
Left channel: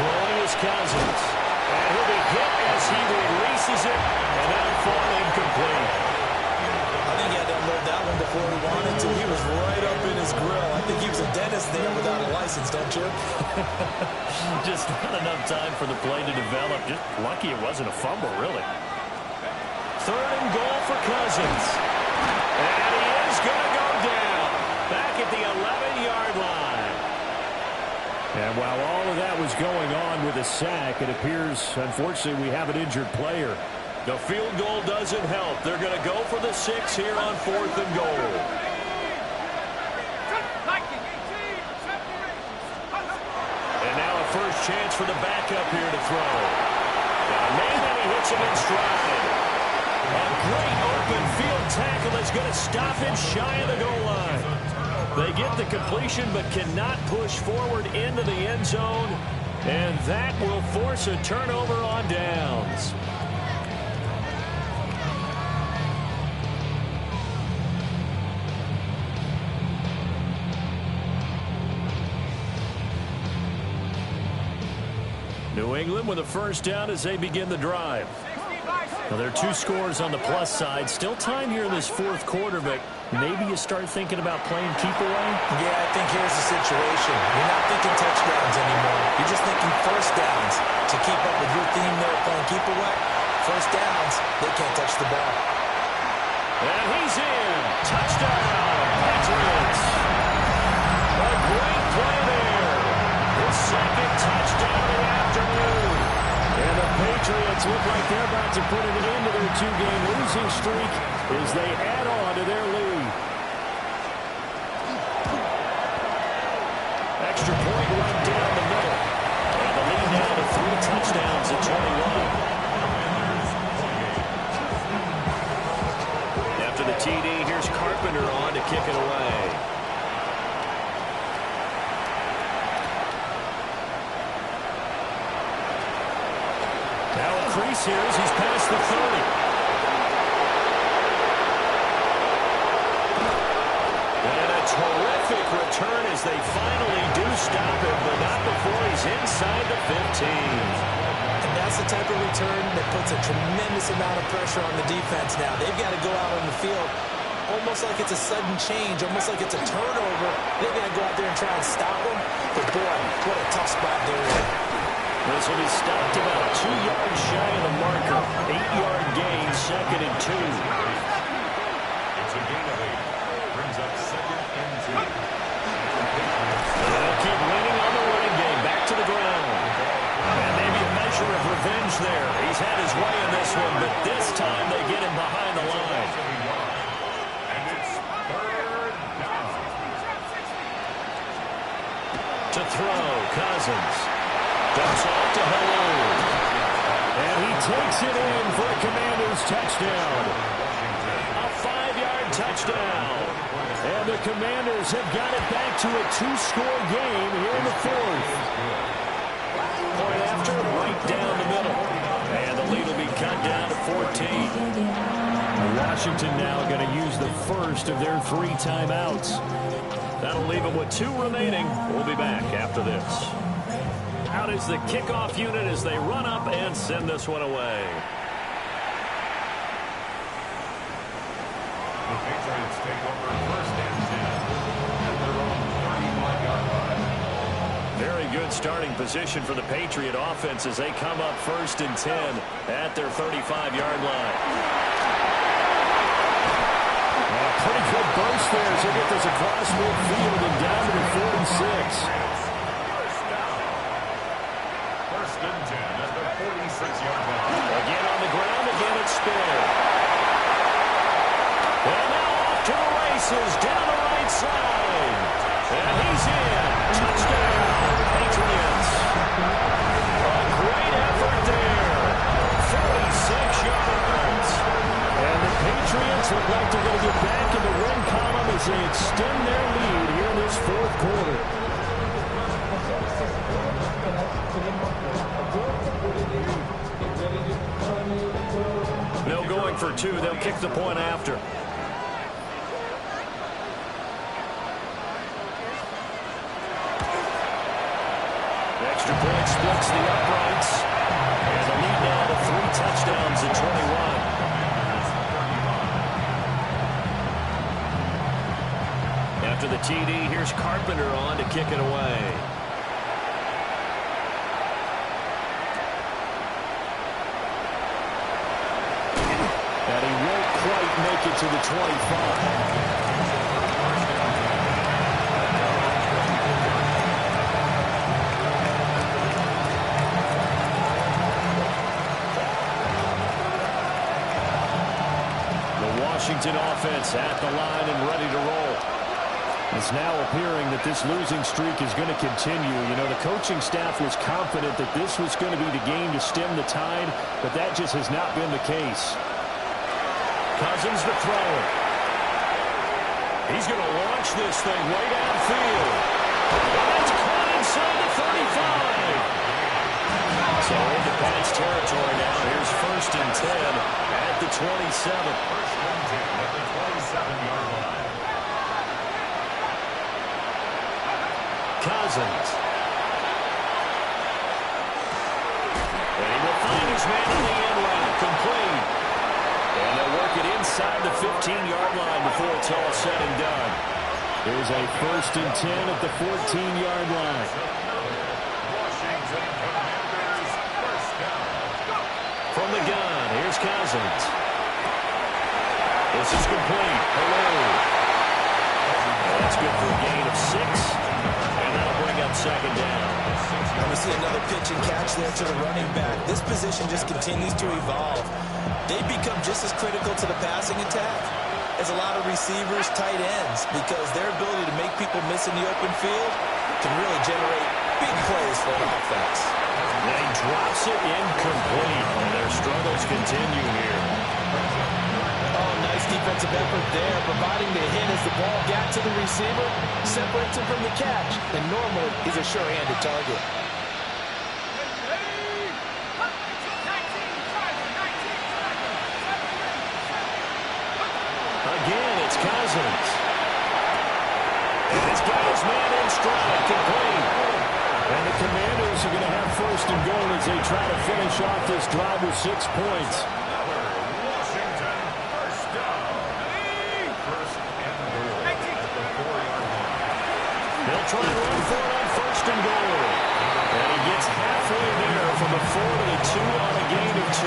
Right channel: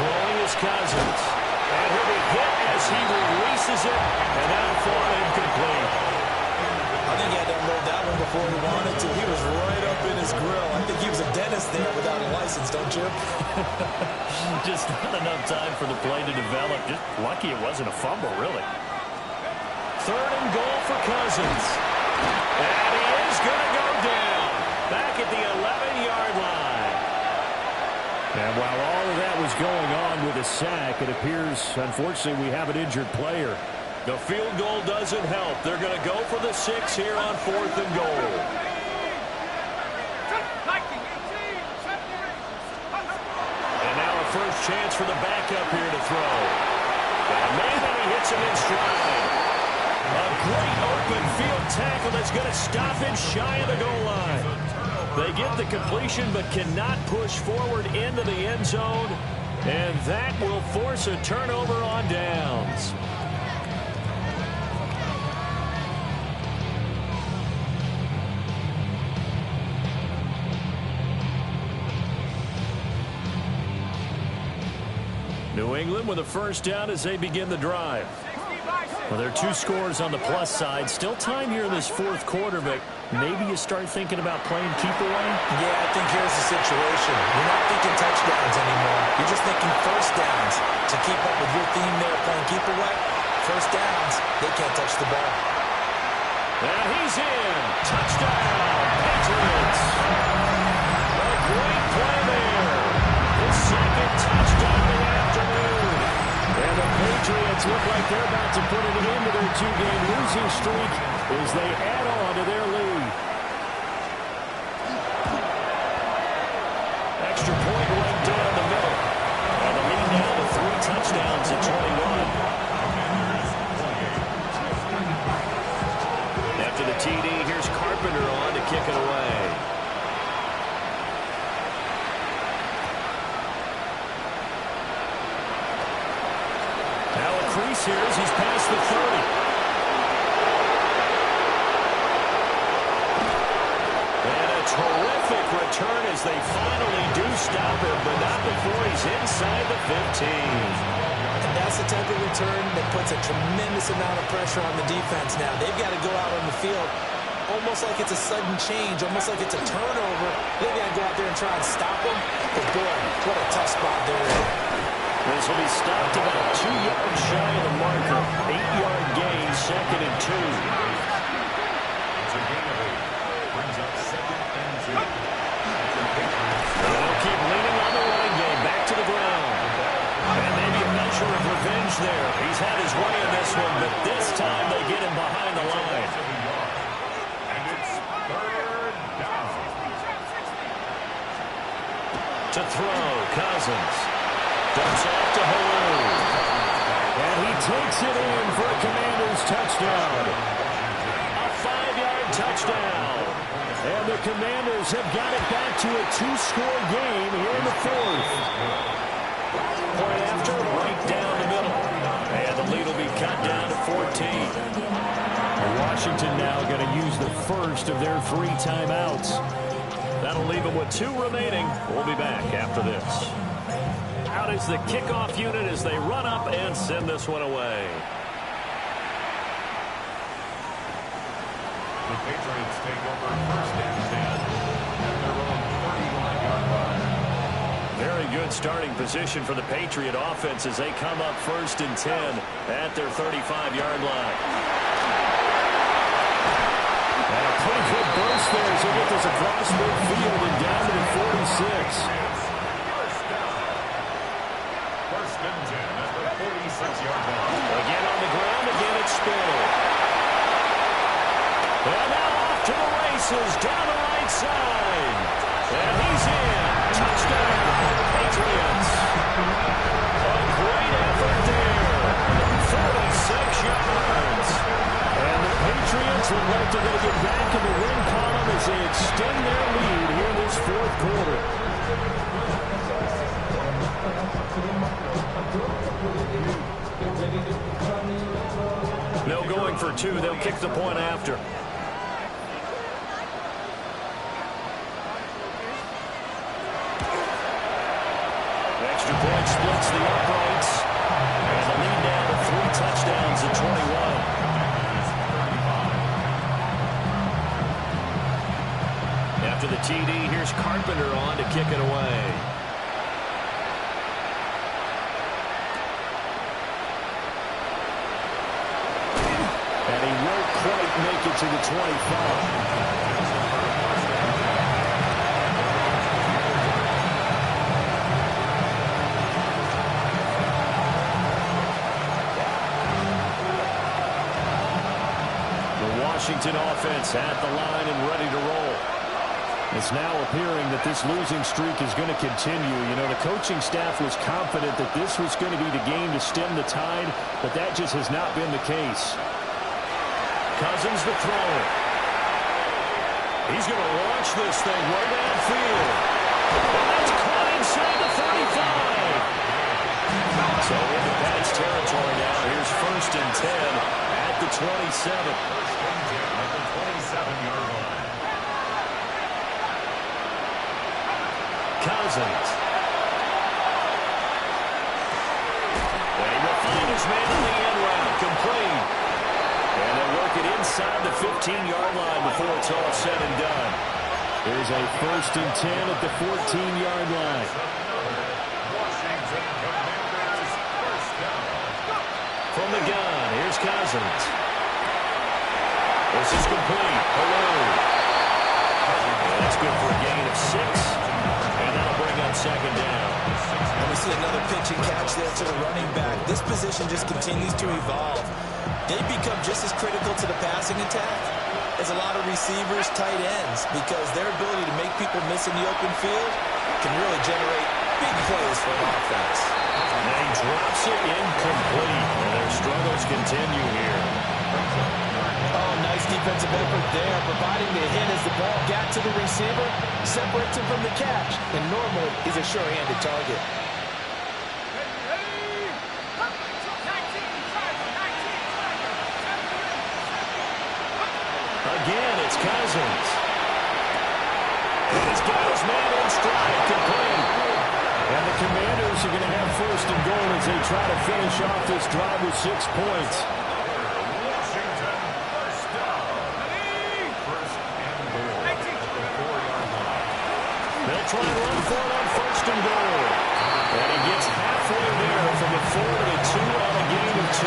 Throwing is Cousins. And he'll be hit as he releases it. And now far incomplete. I think he had to unload that one before he wanted to. He was right up in his grill. I think he was a dentist there without a license, don't you? Just not enough time for the play to develop. Just lucky it wasn't a fumble, really. 3rd and goal for Cousins. And he is going to go down. Back at the 11-yard line. And while all of that was going on with a sack, it appears, unfortunately, we have an injured player. The field goal doesn't help. They're going to go for the 6 here on 4th and goal. And now a first chance for the backup here to throw. Got a man, and he hits him in stride. A great open field tackle that's going to stop him shy of the goal line. They get the completion but cannot push forward into the end zone, and that will force a turnover on downs. New England with a first down as they begin the drive. Well, there are 2 scores on the plus side. Still time here in this fourth quarter, but maybe you start thinking about playing keep away? Yeah, I think here's the situation. You're not thinking touchdowns anymore. You're just thinking first downs. To keep up with your theme there, playing keep away, first downs, they can't touch the ball. And he's in. Touchdown, Patriots. A great play there. His second touchdown of the afternoon. And the Patriots look like they're about to put an end to their 2-game losing streak as they add on to their lead. Extra point right down the middle. And the lead now to 3 touchdowns at 21. After the TD, here's Carpenter on to kick it away. Now a crease here as he's past the 30. And a terrific return as they finally do stop him, but not before he's inside the 15. And that's the type of return that puts a tremendous amount of pressure on the defense now. They've got to go out on the field almost like it's a sudden change, almost like it's a turnover. They've got to go out there and try and stop them. But, boy, what a tough spot they're in. This will be stopped about 2 yards shy of the marker. 8-yard gain, 2nd and 2. It's a gain of 8. Brings up 2nd and 2. They'll keep leaning on the running game. Back to the ground. And maybe a measure of revenge there. He's had his way in this one, but this time they get him behind the line. And it's 3rd down. To throw, Cousins. Dumps off to Halou. And he takes it in for a Commanders touchdown. A 5-yard touchdown. And the Commanders have got it back to a 2-score game here in the 4th. Point after, right down the middle. And the lead will be cut down to 14. Washington now going to use the first of their 3 timeouts. That'll leave them with 2 remaining. We'll be back after this. Out is the kickoff unit as they run up and send this one away. The Patriots take over 1st and 10 at their own 35-yard line. Very good starting position for the Patriot offense as they come up 1st and 10 at their 35-yard line. And a pretty good burst there as they get this across midfield and down to the 46. 1st and 10 at the 46-yard line. Again on the ground, again it's Spiller. And now off to the races, down the right side. And he's in. Touchdown, Patriots. A great effort there. 46 yards. And the Patriots look like they're going to get back in the win column as they extend their lead here in this 4th quarter. No going for 2. They'll kick the point after. Extra point splits the uprights. And the lead now to 3 touchdowns at 21. After the TD, here's Carpenter on to kick it away. And he won't quite make it to the 25. Washington offense at the line and ready to roll. It's now appearing that this losing streak is going to continue. You know, the coaching staff was confident that this was going to be the game to stem the tide, but that just has not been the case. Cousins to throw it. He's going to launch this thing way downfield. And that's caught inside the 35. So into Pats territory now. Here's 1st and 10 at the 27. 1st and 10 at the 27-yard line. Cousins. And he will find his man on the end route. Complete. And they'll work it inside the 15-yard line before it's all said and done. Here's a 1st and 10 at the 14-yard line. Washington Commanders first down. From the gun, here's Cousins. This is complete. Hello. That's good for a gain of 6. And that'll bring up 2nd down. And we see another pitch and catch there to the running back. This position just continues to evolve. They become just as critical to the passing attack as a lot of receivers, tight ends, because their ability to make people miss in the open field can really generate big plays for an offense. And he drops it incomplete, and their struggles continue here. Oh, nice defensive effort there, providing the hit as the ball got to the receiver, separates him from the catch, and normally he's a sure-handed target. Again, it's Cousins. And he's got his man in stride, complete. And the Commanders are going to have 1st and goal as they try to finish off this drive with 6 points. Washington first down. 1st and goal at the 4-yard line. They'll try and run for it on 1st and goal. And he gets halfway there from the 4 to the 2 on a gain of 2.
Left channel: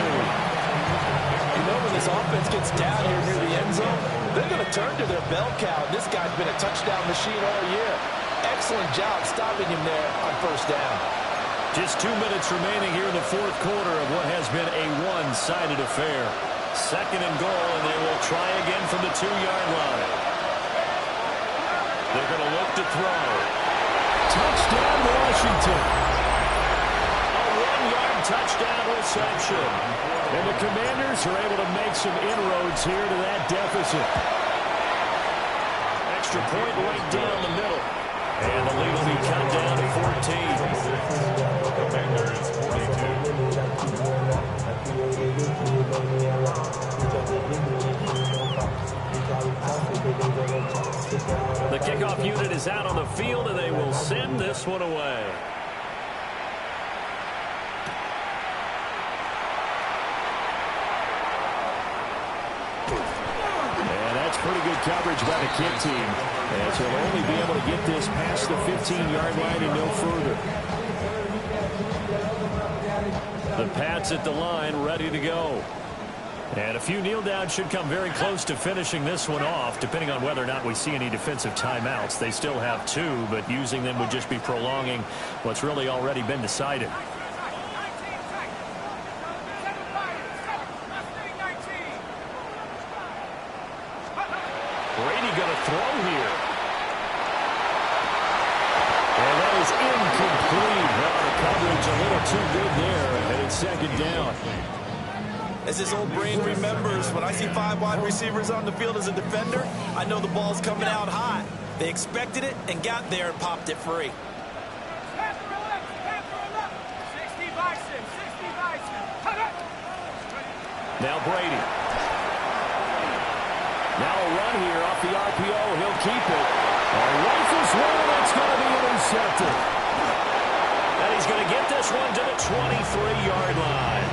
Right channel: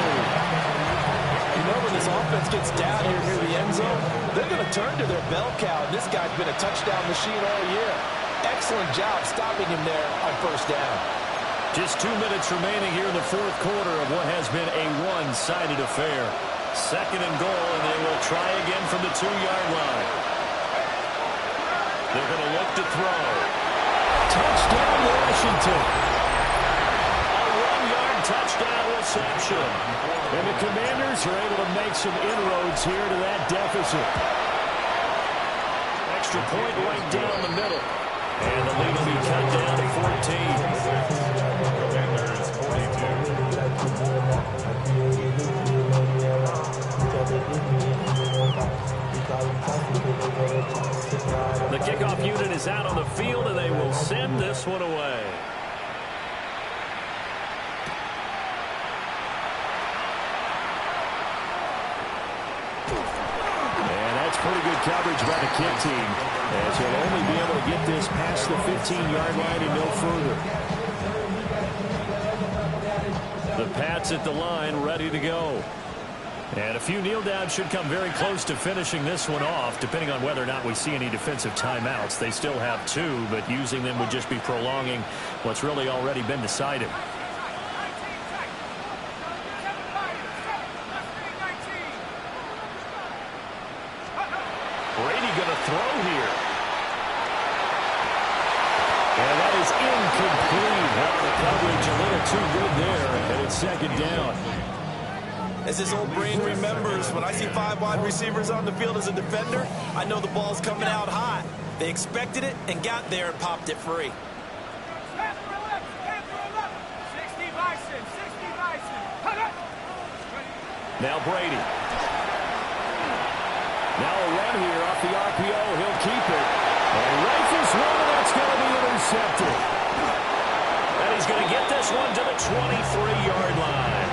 You know, when this offense gets down here near the end zone, they're going to turn to their bell cow. This guy's been a touchdown machine all year. Excellent job stopping him there on 1st down. Just 2 minutes remaining here in the 4th quarter of what has been a one-sided affair. 2nd and goal, and they will try again from the 2-yard line. They're going to look to throw. Touchdown, Washington. A 1-yard touchdown reception. And the Commanders are able to make some inroads here to that deficit. Extra point right down the middle. And the lead will be cut down to 14. Commanders 42. The kickoff unit is out on the field, and they will send this one away. Pretty good coverage by the kick team, as he'll only be able to get this past the 15-yard line and no further. The Pats at the line, ready to go. And a few kneel downs should come very close to finishing this one off, depending on whether or not we see any defensive timeouts. They still have 2, but using them would just be prolonging what's really already been decided. Brady going to throw here. And that is incomplete. Now the coverage a little too good there, and it's 2nd down. As his old brain remembers, when I see 5 wide receivers on the field as a defender, I know the ball's coming out hot. They expected it and got there and popped it free. 60 Bison. Now Brady. Now a run here off the RPO. He'll keep it. Rifles one, and that's going to be intercepted. And he's going to get this one to the 23-yard line.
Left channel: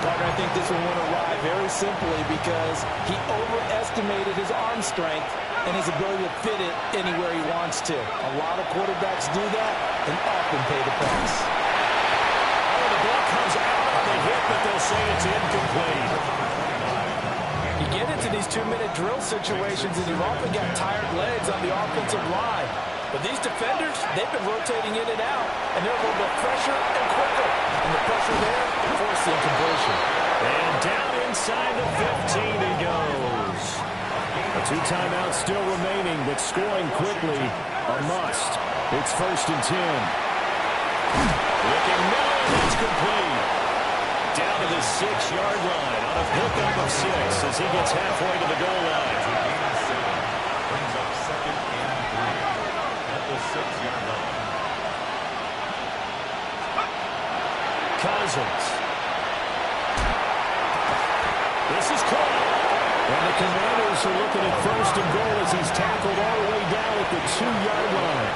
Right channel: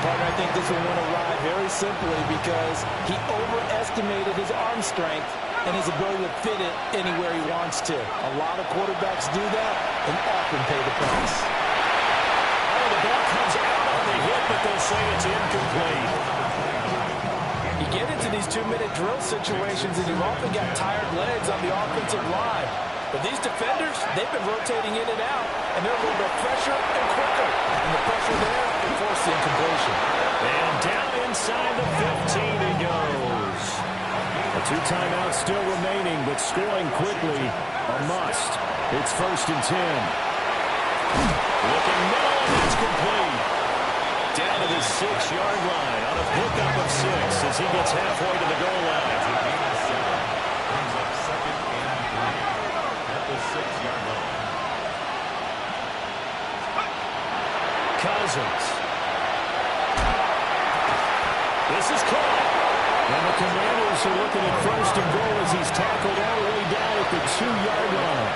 Partner, I think this one went awry very simply because he overestimated his arm strength and his ability to fit it anywhere he wants to. A lot of quarterbacks do that and often pay the price. Oh, the ball comes out on the hit, but they'll say it's incomplete. You get into these 2-minute drill situations, and you've often got tired legs on the offensive line. But these defenders, they've been rotating in and out, and they're a little bit fresher and quicker. And the pressure there forced the incompletion. And down inside the 15 he goes. A 2 timeouts still remaining, but scoring quickly, a must. It's 1st and 10. Looking middle, and that's complete. Down to the 6-yard line on a pickup of 6 as he gets halfway to the goal line. Gain of 7. Brings up 2nd and 3 at the 6-yard line. Cousins. This is caught. And the Commanders are looking at 1st and goal as he's tackled all the way down at the 2-yard line.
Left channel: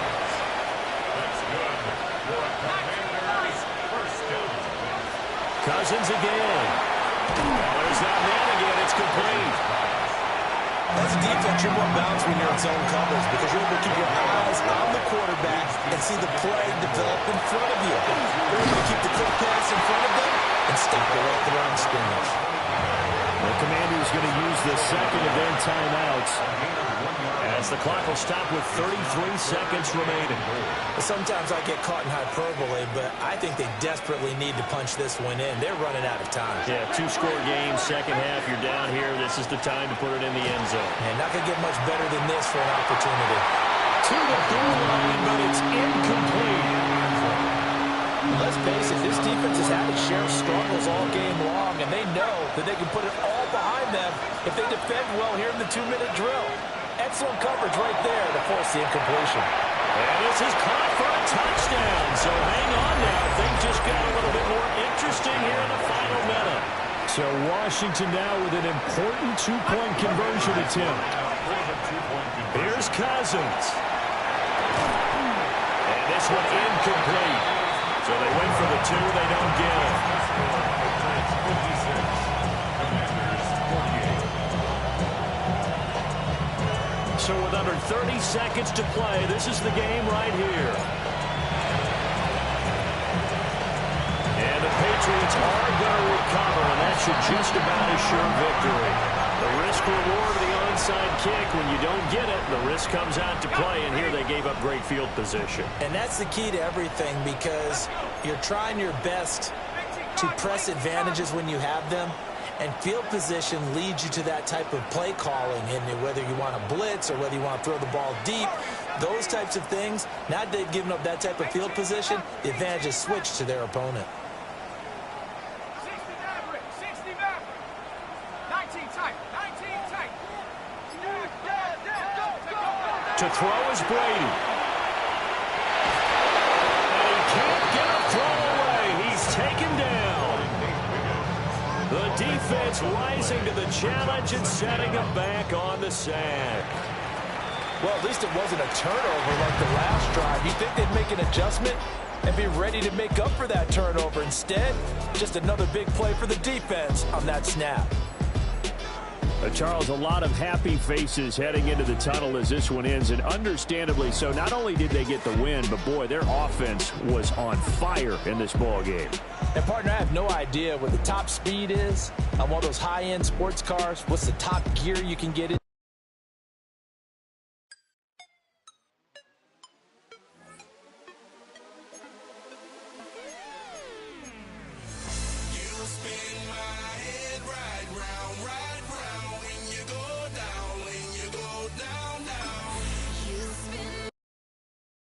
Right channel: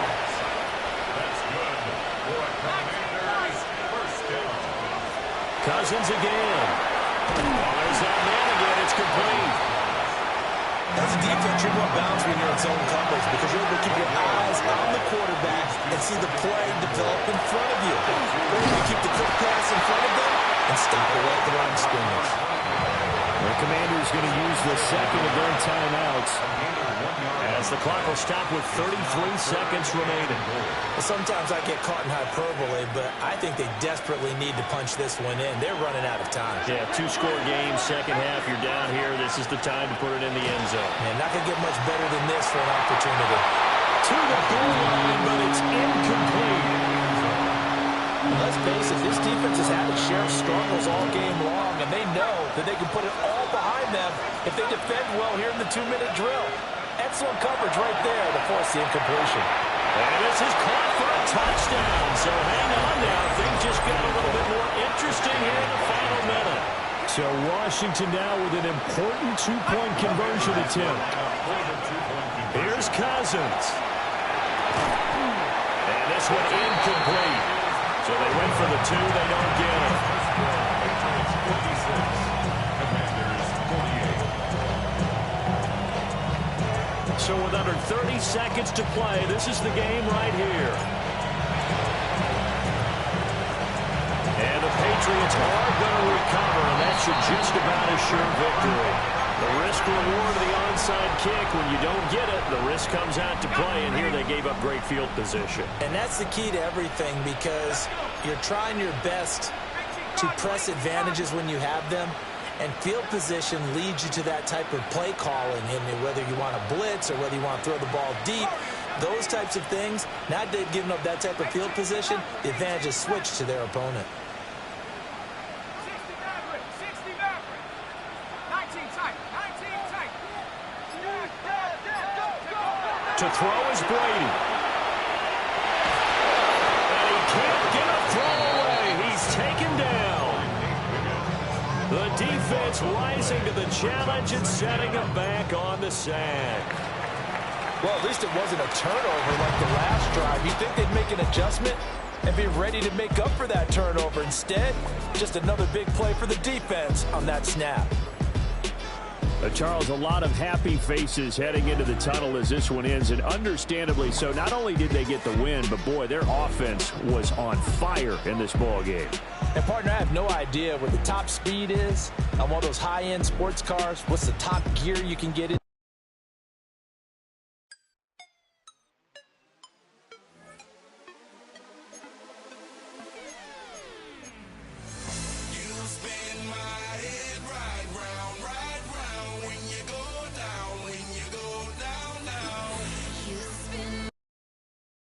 That's good for a Commanders 1st down. Cousins again. Oh, there's that man again. It's complete. As a defense, you're more balanced when you're in zone coverage because you're able to keep your eyes on the quarterback and see the play develop in front of you. You're able to keep the quick pass in front of them and stop it right at the line of scrimmage. The Commanders going to use the second of their timeouts. As the clock will stop with 33 seconds remaining. Sometimes I get caught in hyperbole, but I think they desperately need to punch this one in. They're running out of time. Yeah, 2-score game, second half, you're down here. This is the time to put it in the end zone. Man, not going to get much better than this for an opportunity. To the goal line, but it's incomplete. Let's face it, this defense has had its share of struggles all game long, and they know that they can put it all behind them if they defend well here in the 2-minute drill. Excellent coverage right there to force the incompletion. And this is caught for a touchdown. So hang on now. Things just got a little bit more interesting here in the final minute. So Washington now with an important 2-point conversion attempt. Here's Cousins. And this one incomplete. So they went for the 2. They don't get it. Patriots 56. Commanders 48. So with under 30 seconds to play, this is the game right here. And the Patriots are going to recover, and that should just about assure victory. The risk-reward of the onside kick, when you don't get it, the risk comes out to play, and here they gave up great field position. And that's the key to everything because you're trying your best to press advantages when you have them, and field position leads you to that type of play calling, and whether you want to blitz or whether you want to throw the ball deep, those types of things, now that they've given up that type of field position, the advantage is switched to their opponent. 60 Maverick. 19 tight. 19 tight. To throw is Brady. And he can't get a throw away. He's taken down. The defense rising to the challenge and setting him back on the sack. Well, at least it wasn't a turnover like the last drive. You'd think they'd make an adjustment and be ready to make up for that turnover. Instead, just another big play for the defense on that snap. Charles, a lot of happy faces heading into the tunnel as this one ends, and understandably so. Not only did they get the win, but boy, their offense was on fire in this ball game. And partner, I have no idea what the top speed is on one of those high-end sports cars. What's the top gear you can get in?